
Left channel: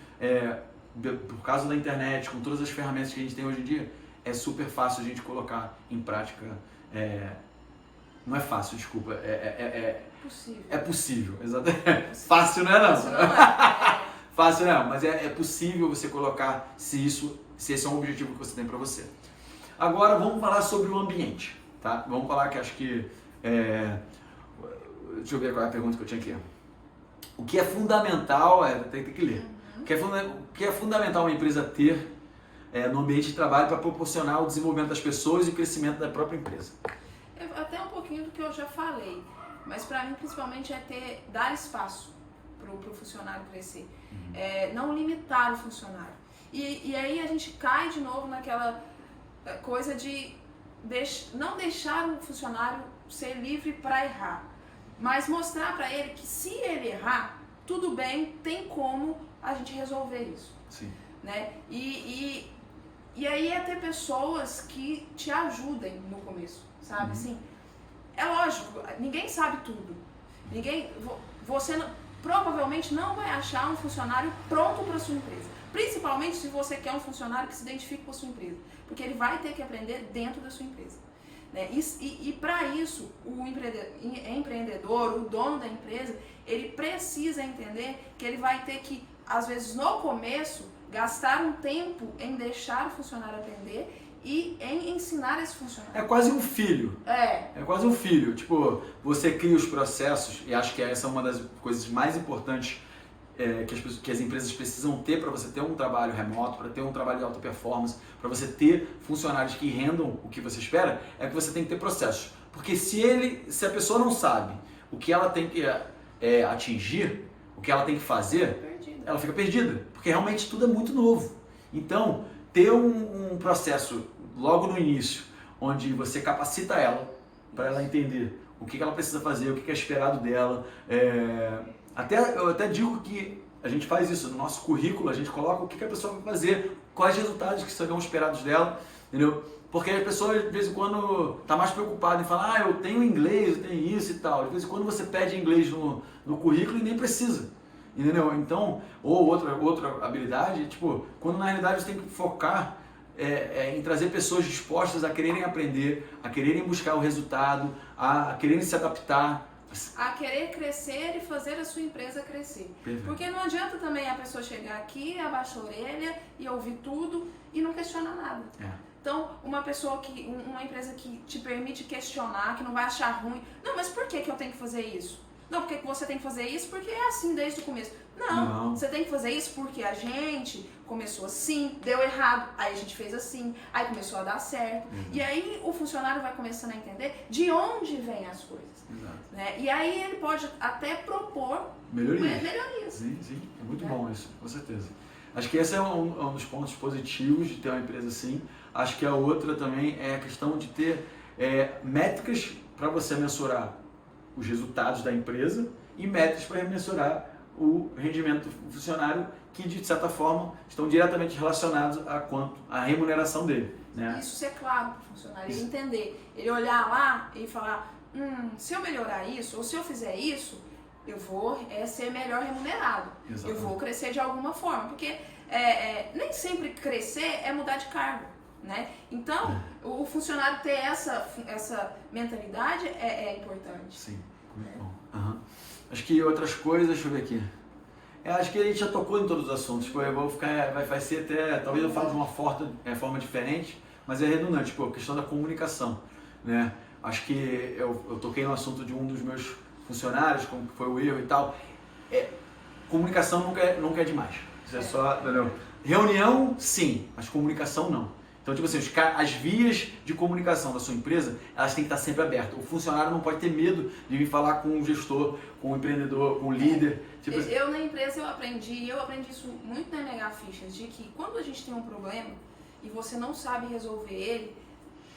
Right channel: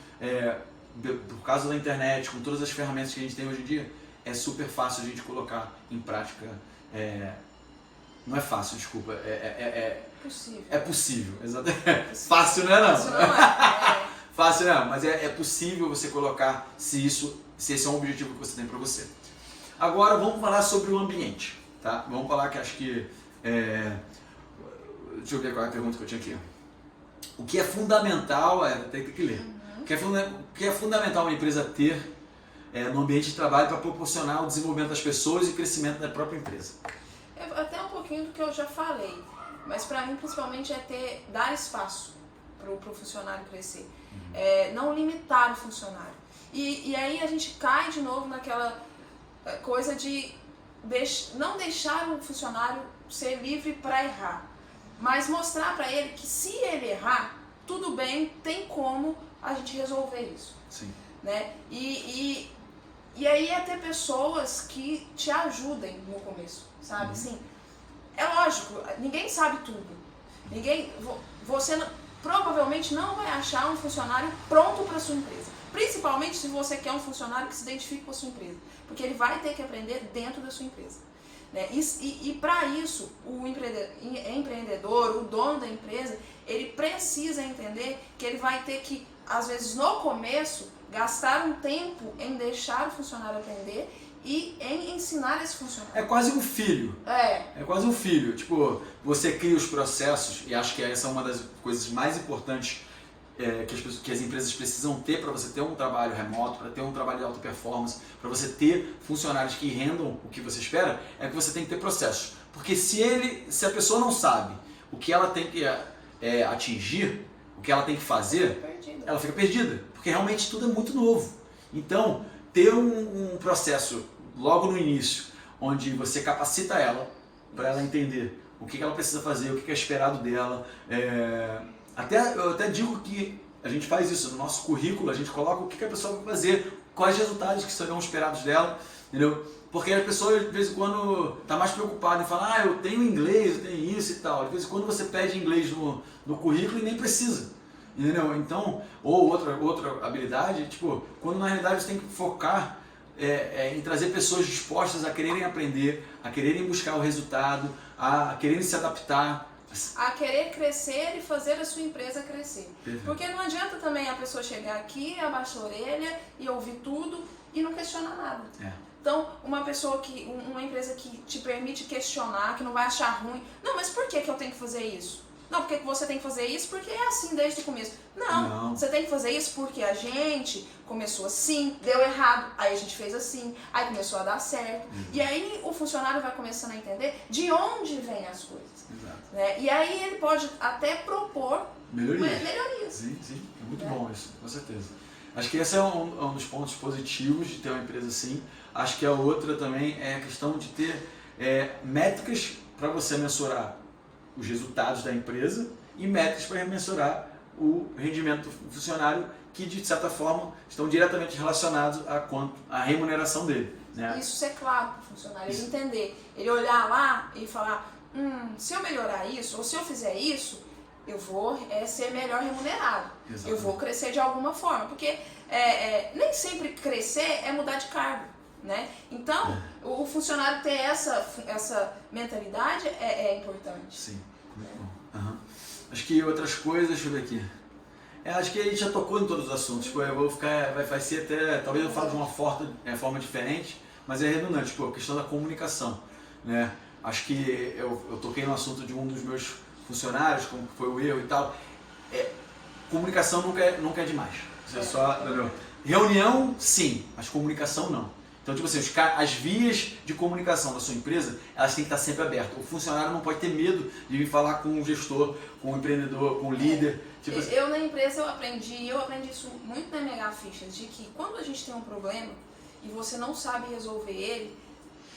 por causa da internet, com todas as ferramentas que a gente tem hoje em dia, é super fácil a gente colocar em prática. Não é fácil, desculpa. Possível. É possível, exatamente. Fácil não é não. Fácil não é. Fácil não, mas é possível você colocar se esse é um objetivo que você tem para você. Agora vamos falar sobre o ambiente, tá? Vamos falar que acho que... deixa eu ver qual é a pergunta que eu tinha aqui. O que é fundamental, tem que ler. O que é fundamental uma empresa ter no ambiente de trabalho para proporcionar o desenvolvimento das pessoas e o crescimento da própria empresa? Até um pouquinho do que eu já falei, mas para mim principalmente dar espaço para o funcionário crescer, não limitar o funcionário. E aí a gente cai de novo naquela coisa de não deixar o funcionário ser livre para errar, mas mostrar para ele que se ele errar, tudo bem, tem como a gente resolver isso. Sim. Né? E aí ter pessoas que te ajudem no começo, sabe? Assim, é lógico, ninguém sabe tudo. Você provavelmente não vai achar um funcionário pronto para sua empresa. Principalmente se você quer um funcionário que se identifique com a sua empresa. Porque ele vai ter que aprender dentro da sua empresa. Né? E para isso, o empreendedor, o dono da empresa, ele precisa entender que ele vai ter que, às vezes no começo, gastar um tempo em deixar o funcionário aprender e em ensinar esse funcionário. É quase um filho. É quase um filho. Tipo, você cria os processos, e acho que essa é uma das coisas mais importantes que as empresas precisam ter para você ter um trabalho remoto, para ter um trabalho de alta performance, para você ter funcionários que rendam o que você espera, é que você tem que ter processos. Porque se a pessoa não sabe o que ela tem que atingir, o que ela tem que fazer, ela fica perdida, porque realmente tudo é muito novo. Então, ter um processo logo no início, onde você capacita ela, para ela entender o que ela precisa fazer, o que é esperado dela. Eu até digo que a gente faz isso no nosso currículo, a gente coloca o que a pessoa vai fazer, quais resultados que serão esperados dela, entendeu? Porque a pessoa, de vez em quando, está mais preocupada em falar, eu tenho inglês, eu tenho isso e tal. De vez em quando você pede inglês no currículo e nem precisa. Entendeu? Então, ou outra habilidade, tipo, quando na realidade você tem que focar em trazer pessoas dispostas a quererem aprender, a quererem buscar o resultado, a quererem se adaptar. A querer crescer e fazer a sua empresa crescer. Perfeito. Porque não adianta também a pessoa chegar aqui, abaixar a orelha e ouvir tudo e não questionar nada. Então, uma empresa que te permite questionar, que não vai achar ruim. Não, mas por que eu tenho que fazer isso? Não, porque você tem que fazer isso porque é assim desde o começo. Não, você tem que fazer isso porque a gente começou assim, deu errado, aí a gente fez assim, aí começou a dar certo. E aí o funcionário vai começando a entender de onde vêm as coisas. Exato. Né? E aí ele pode até propor melhorias. Sim, é muito bom isso, com certeza. Acho que esse é um dos pontos positivos de ter uma empresa assim. Acho que a outra também é a questão de ter métricas para você mensurar os resultados da empresa e métricas para mensurar o rendimento do funcionário, que de certa forma estão diretamente relacionados à remuneração dele. Né? Isso ser claro para o funcionário, ele entender, ele olhar lá e falar, se eu melhorar isso, ou se eu fizer isso, eu vou ser melhor remunerado. Exatamente. Eu vou crescer de alguma forma. Porque nem sempre crescer é mudar de cargo, né? Então, o funcionário ter essa mentalidade é importante. Sim, muito bom. Uhum. Acho que outras coisas, deixa eu ver aqui. Acho que a gente já tocou em todos os assuntos. Tipo, eu vou ficar, vai ser até, talvez eu fale de uma forma diferente, mas é redundante, tipo, a questão da comunicação, né? Acho que eu toquei no assunto de um dos meus funcionários, como foi o erro e tal. Comunicação nunca é demais. Isso é só, entendeu? Reunião, sim, mas comunicação não. Então, tipo assim, as vias de comunicação da sua empresa, elas têm que estar sempre abertas. O funcionário não pode ter medo de vir falar com o gestor, com o empreendedor, com o líder. Tipo assim. Eu na empresa eu aprendi isso muito na Mega Fichas, de que quando a gente tem um problema e você não sabe resolver ele,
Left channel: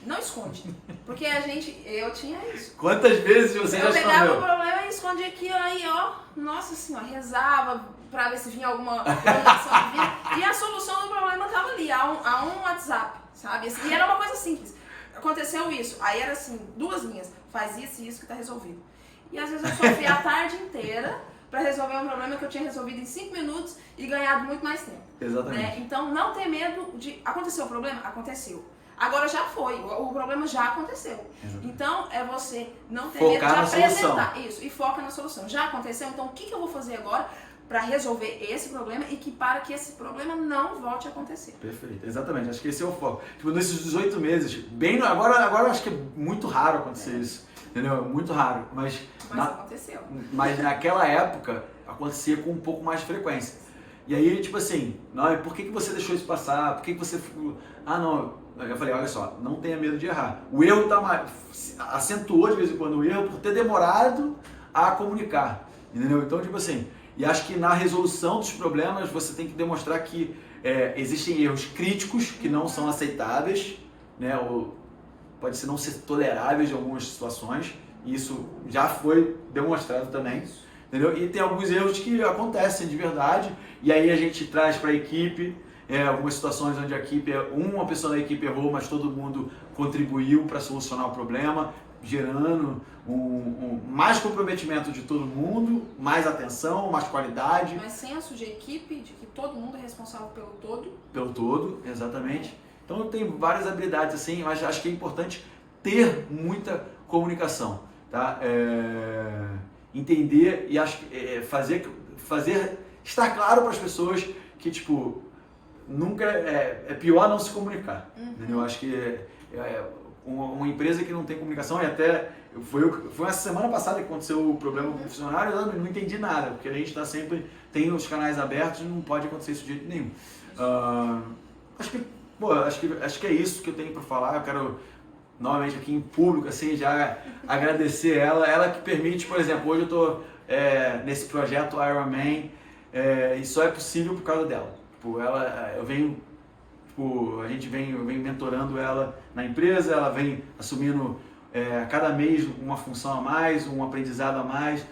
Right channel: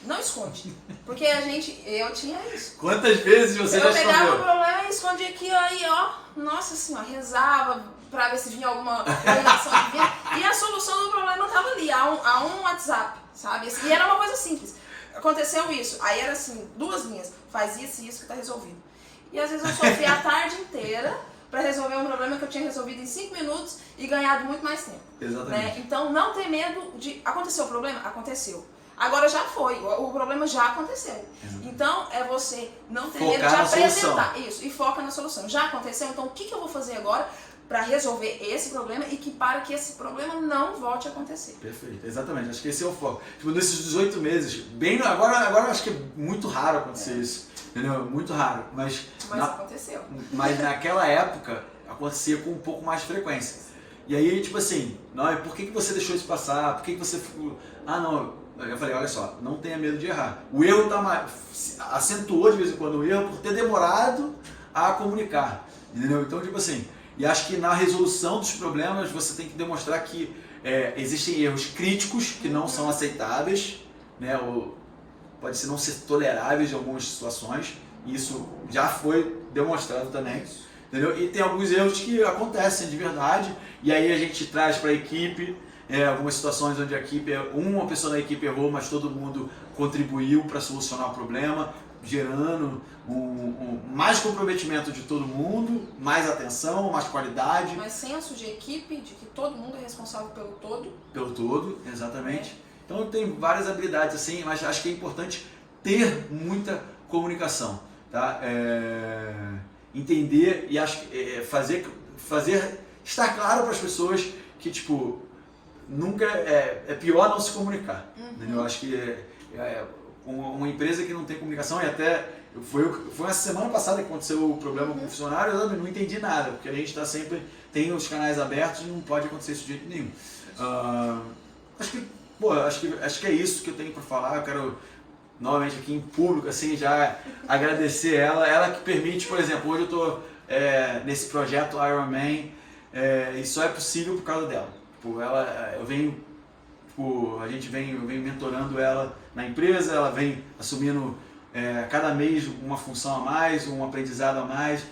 não esconde. Porque eu tinha isso. Quantas vezes você já escondeu? Eu pegava o problema e escondia aqui, aí ó, nossa senhora, rezava pra ver se vinha alguma combinação que vinha. E a solução do problema estava ali, a um WhatsApp, sabe? E era uma coisa simples. Aconteceu isso, aí era assim, 2 linhas, faz isso e isso que tá resolvido. E às vezes eu sofri a tarde inteira para resolver um problema que eu tinha resolvido em 5 minutos e ganhado muito mais tempo. Exatamente. Né? Então não ter medo de... Aconteceu o problema? Aconteceu. Agora já foi, o problema já aconteceu. Exatamente. Então é você não ter Focar medo de apresentar. Solução. Isso, e foca na solução. Já aconteceu, então o que eu vou fazer agora para resolver esse problema e para que esse problema não volte a acontecer. Perfeito, exatamente. Acho que esse é o foco. Tipo, nesses 18 meses, agora eu acho que é muito raro acontecer isso. Entendeu? Muito raro. Mas aconteceu. Mas naquela época acontecia com um pouco mais de frequência. E aí, tipo assim, não, por que você deixou isso passar? Por que você ficou... não. Eu falei, olha só, não tenha medo de errar. O erro acentuou de vez em quando o erro por ter demorado a comunicar. Entendeu? Então, tipo assim, e acho que na resolução dos problemas você tem que demonstrar que existem erros críticos que não são aceitáveis, né? Ou pode ser não ser toleráveis em algumas situações. E isso já foi demonstrado também. Entendeu? E tem alguns erros que acontecem de verdade. E aí a gente traz para a equipe algumas situações onde a equipe, uma pessoa da equipe errou, mas todo mundo contribuiu para solucionar o problema, gerando mais comprometimento de todo mundo, mais atenção, mais qualidade. Mas senso de equipe, de que todo mundo é responsável pelo todo. Pelo todo, exatamente. Então tem várias habilidades assim, mas acho que é importante ter muita comunicação, tá? Entender e acho que fazer estar claro para as pessoas que tipo nunca é pior não se comunicar. Eu acho que uma empresa que não tem comunicação, e até foi essa semana passada que aconteceu o problema com o funcionário, eu não entendi nada, porque a gente está sempre, tem os canais abertos e não pode acontecer isso de jeito nenhum. Acho que é isso que eu tenho para falar. Eu quero novamente aqui em público assim já agradecer ela que permite, por exemplo, hoje eu estou nesse projeto Ironman, e só é possível por causa dela. Tipo, eu venho mentorando ela na empresa, ela vem assumindo cada mês uma função a mais, um aprendizado a mais,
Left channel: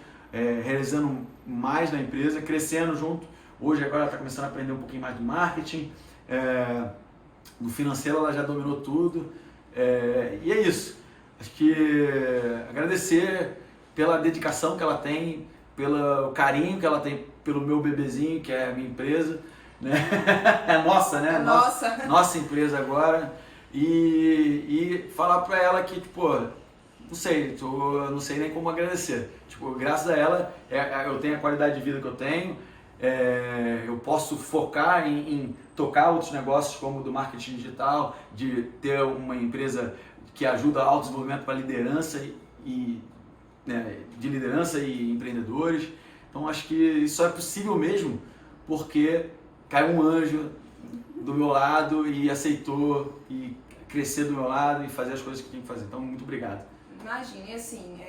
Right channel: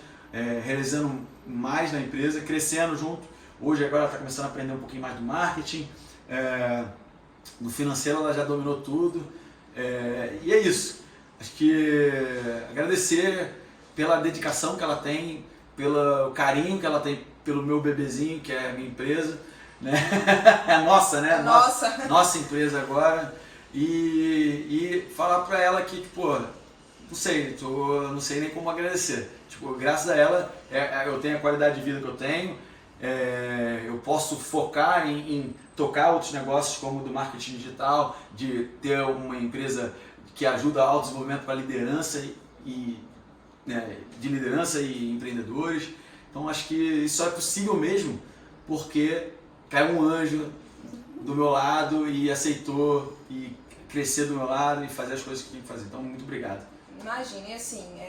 realizando mais na empresa, crescendo junto. Hoje agora ela está começando a aprender um pouquinho mais do marketing, no financeiro ela já dominou tudo, e é isso. Acho que agradecer pela dedicação que ela tem, pelo carinho que ela tem pelo meu bebezinho, que é a minha empresa. Né? É nossa, né? Nossa empresa agora. E falar pra ela que, tipo, não sei nem como agradecer. Tipo, graças a ela, eu tenho a qualidade de vida que eu tenho, eu posso focar em tocar outros negócios como o do marketing digital, de ter uma empresa que ajuda ao desenvolvimento para liderança de liderança e empreendedores. Então acho que isso é possível mesmo porque caiu um anjo do meu lado e aceitou e crescer do meu lado e fazer as coisas que tem que fazer. Então, muito obrigado. Imagine, assim,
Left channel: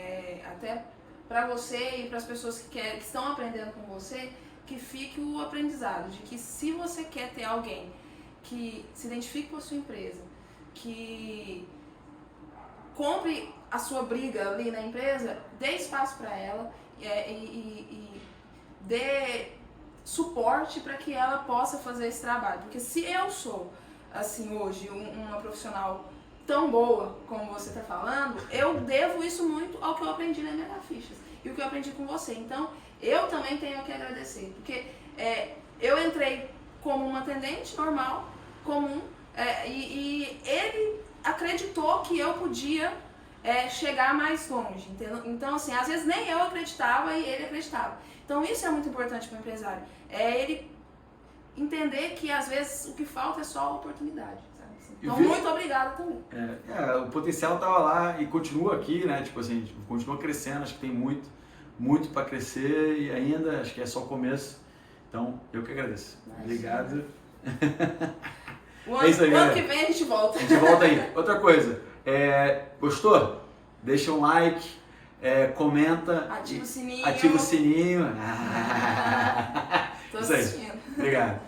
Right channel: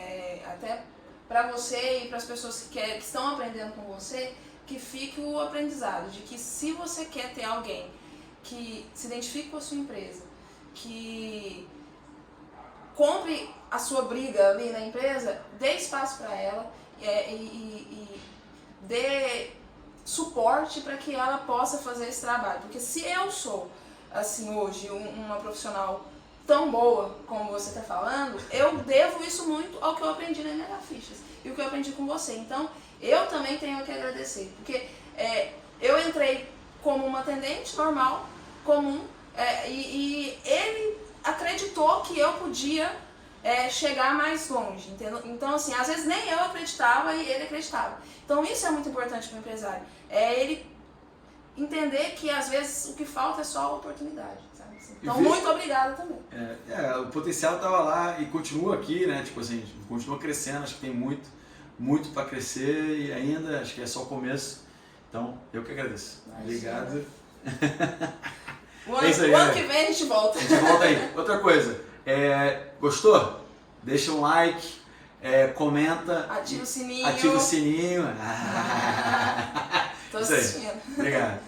até para você e para as pessoas que estão aprendendo com você, que fique o aprendizado de que se você quer ter alguém que se identifique com a sua empresa, que compre a sua briga ali na empresa, dê espaço para ela e dê suporte para que ela possa fazer esse trabalho. Porque se eu sou, assim, hoje, uma profissional tão boa como você está falando, eu devo isso muito ao que eu aprendi na Mega Fichas e o que eu aprendi com você. Então, eu também tenho que agradecer, porque eu entrei como uma atendente normal, comum, e ele acreditou que eu podia chegar mais longe, entendeu? Então, assim, às vezes nem eu acreditava e ele acreditava. Então, isso é muito importante para o empresário. Ele entender que, às vezes, o que falta é só a oportunidade, sabe? Então, muito obrigada também. O potencial estava lá e continua aqui, né? Tipo assim, continua crescendo, acho que tem muito para crescer e ainda acho que é só o começo. Então, eu que agradeço. Obrigado. O ano que vem a gente volta. A gente volta aí. Outra coisa, gostou? Deixa um like, comenta. Ativa o sininho. Ativa o sininho. Tô Isso aí. assistindo. Obrigado.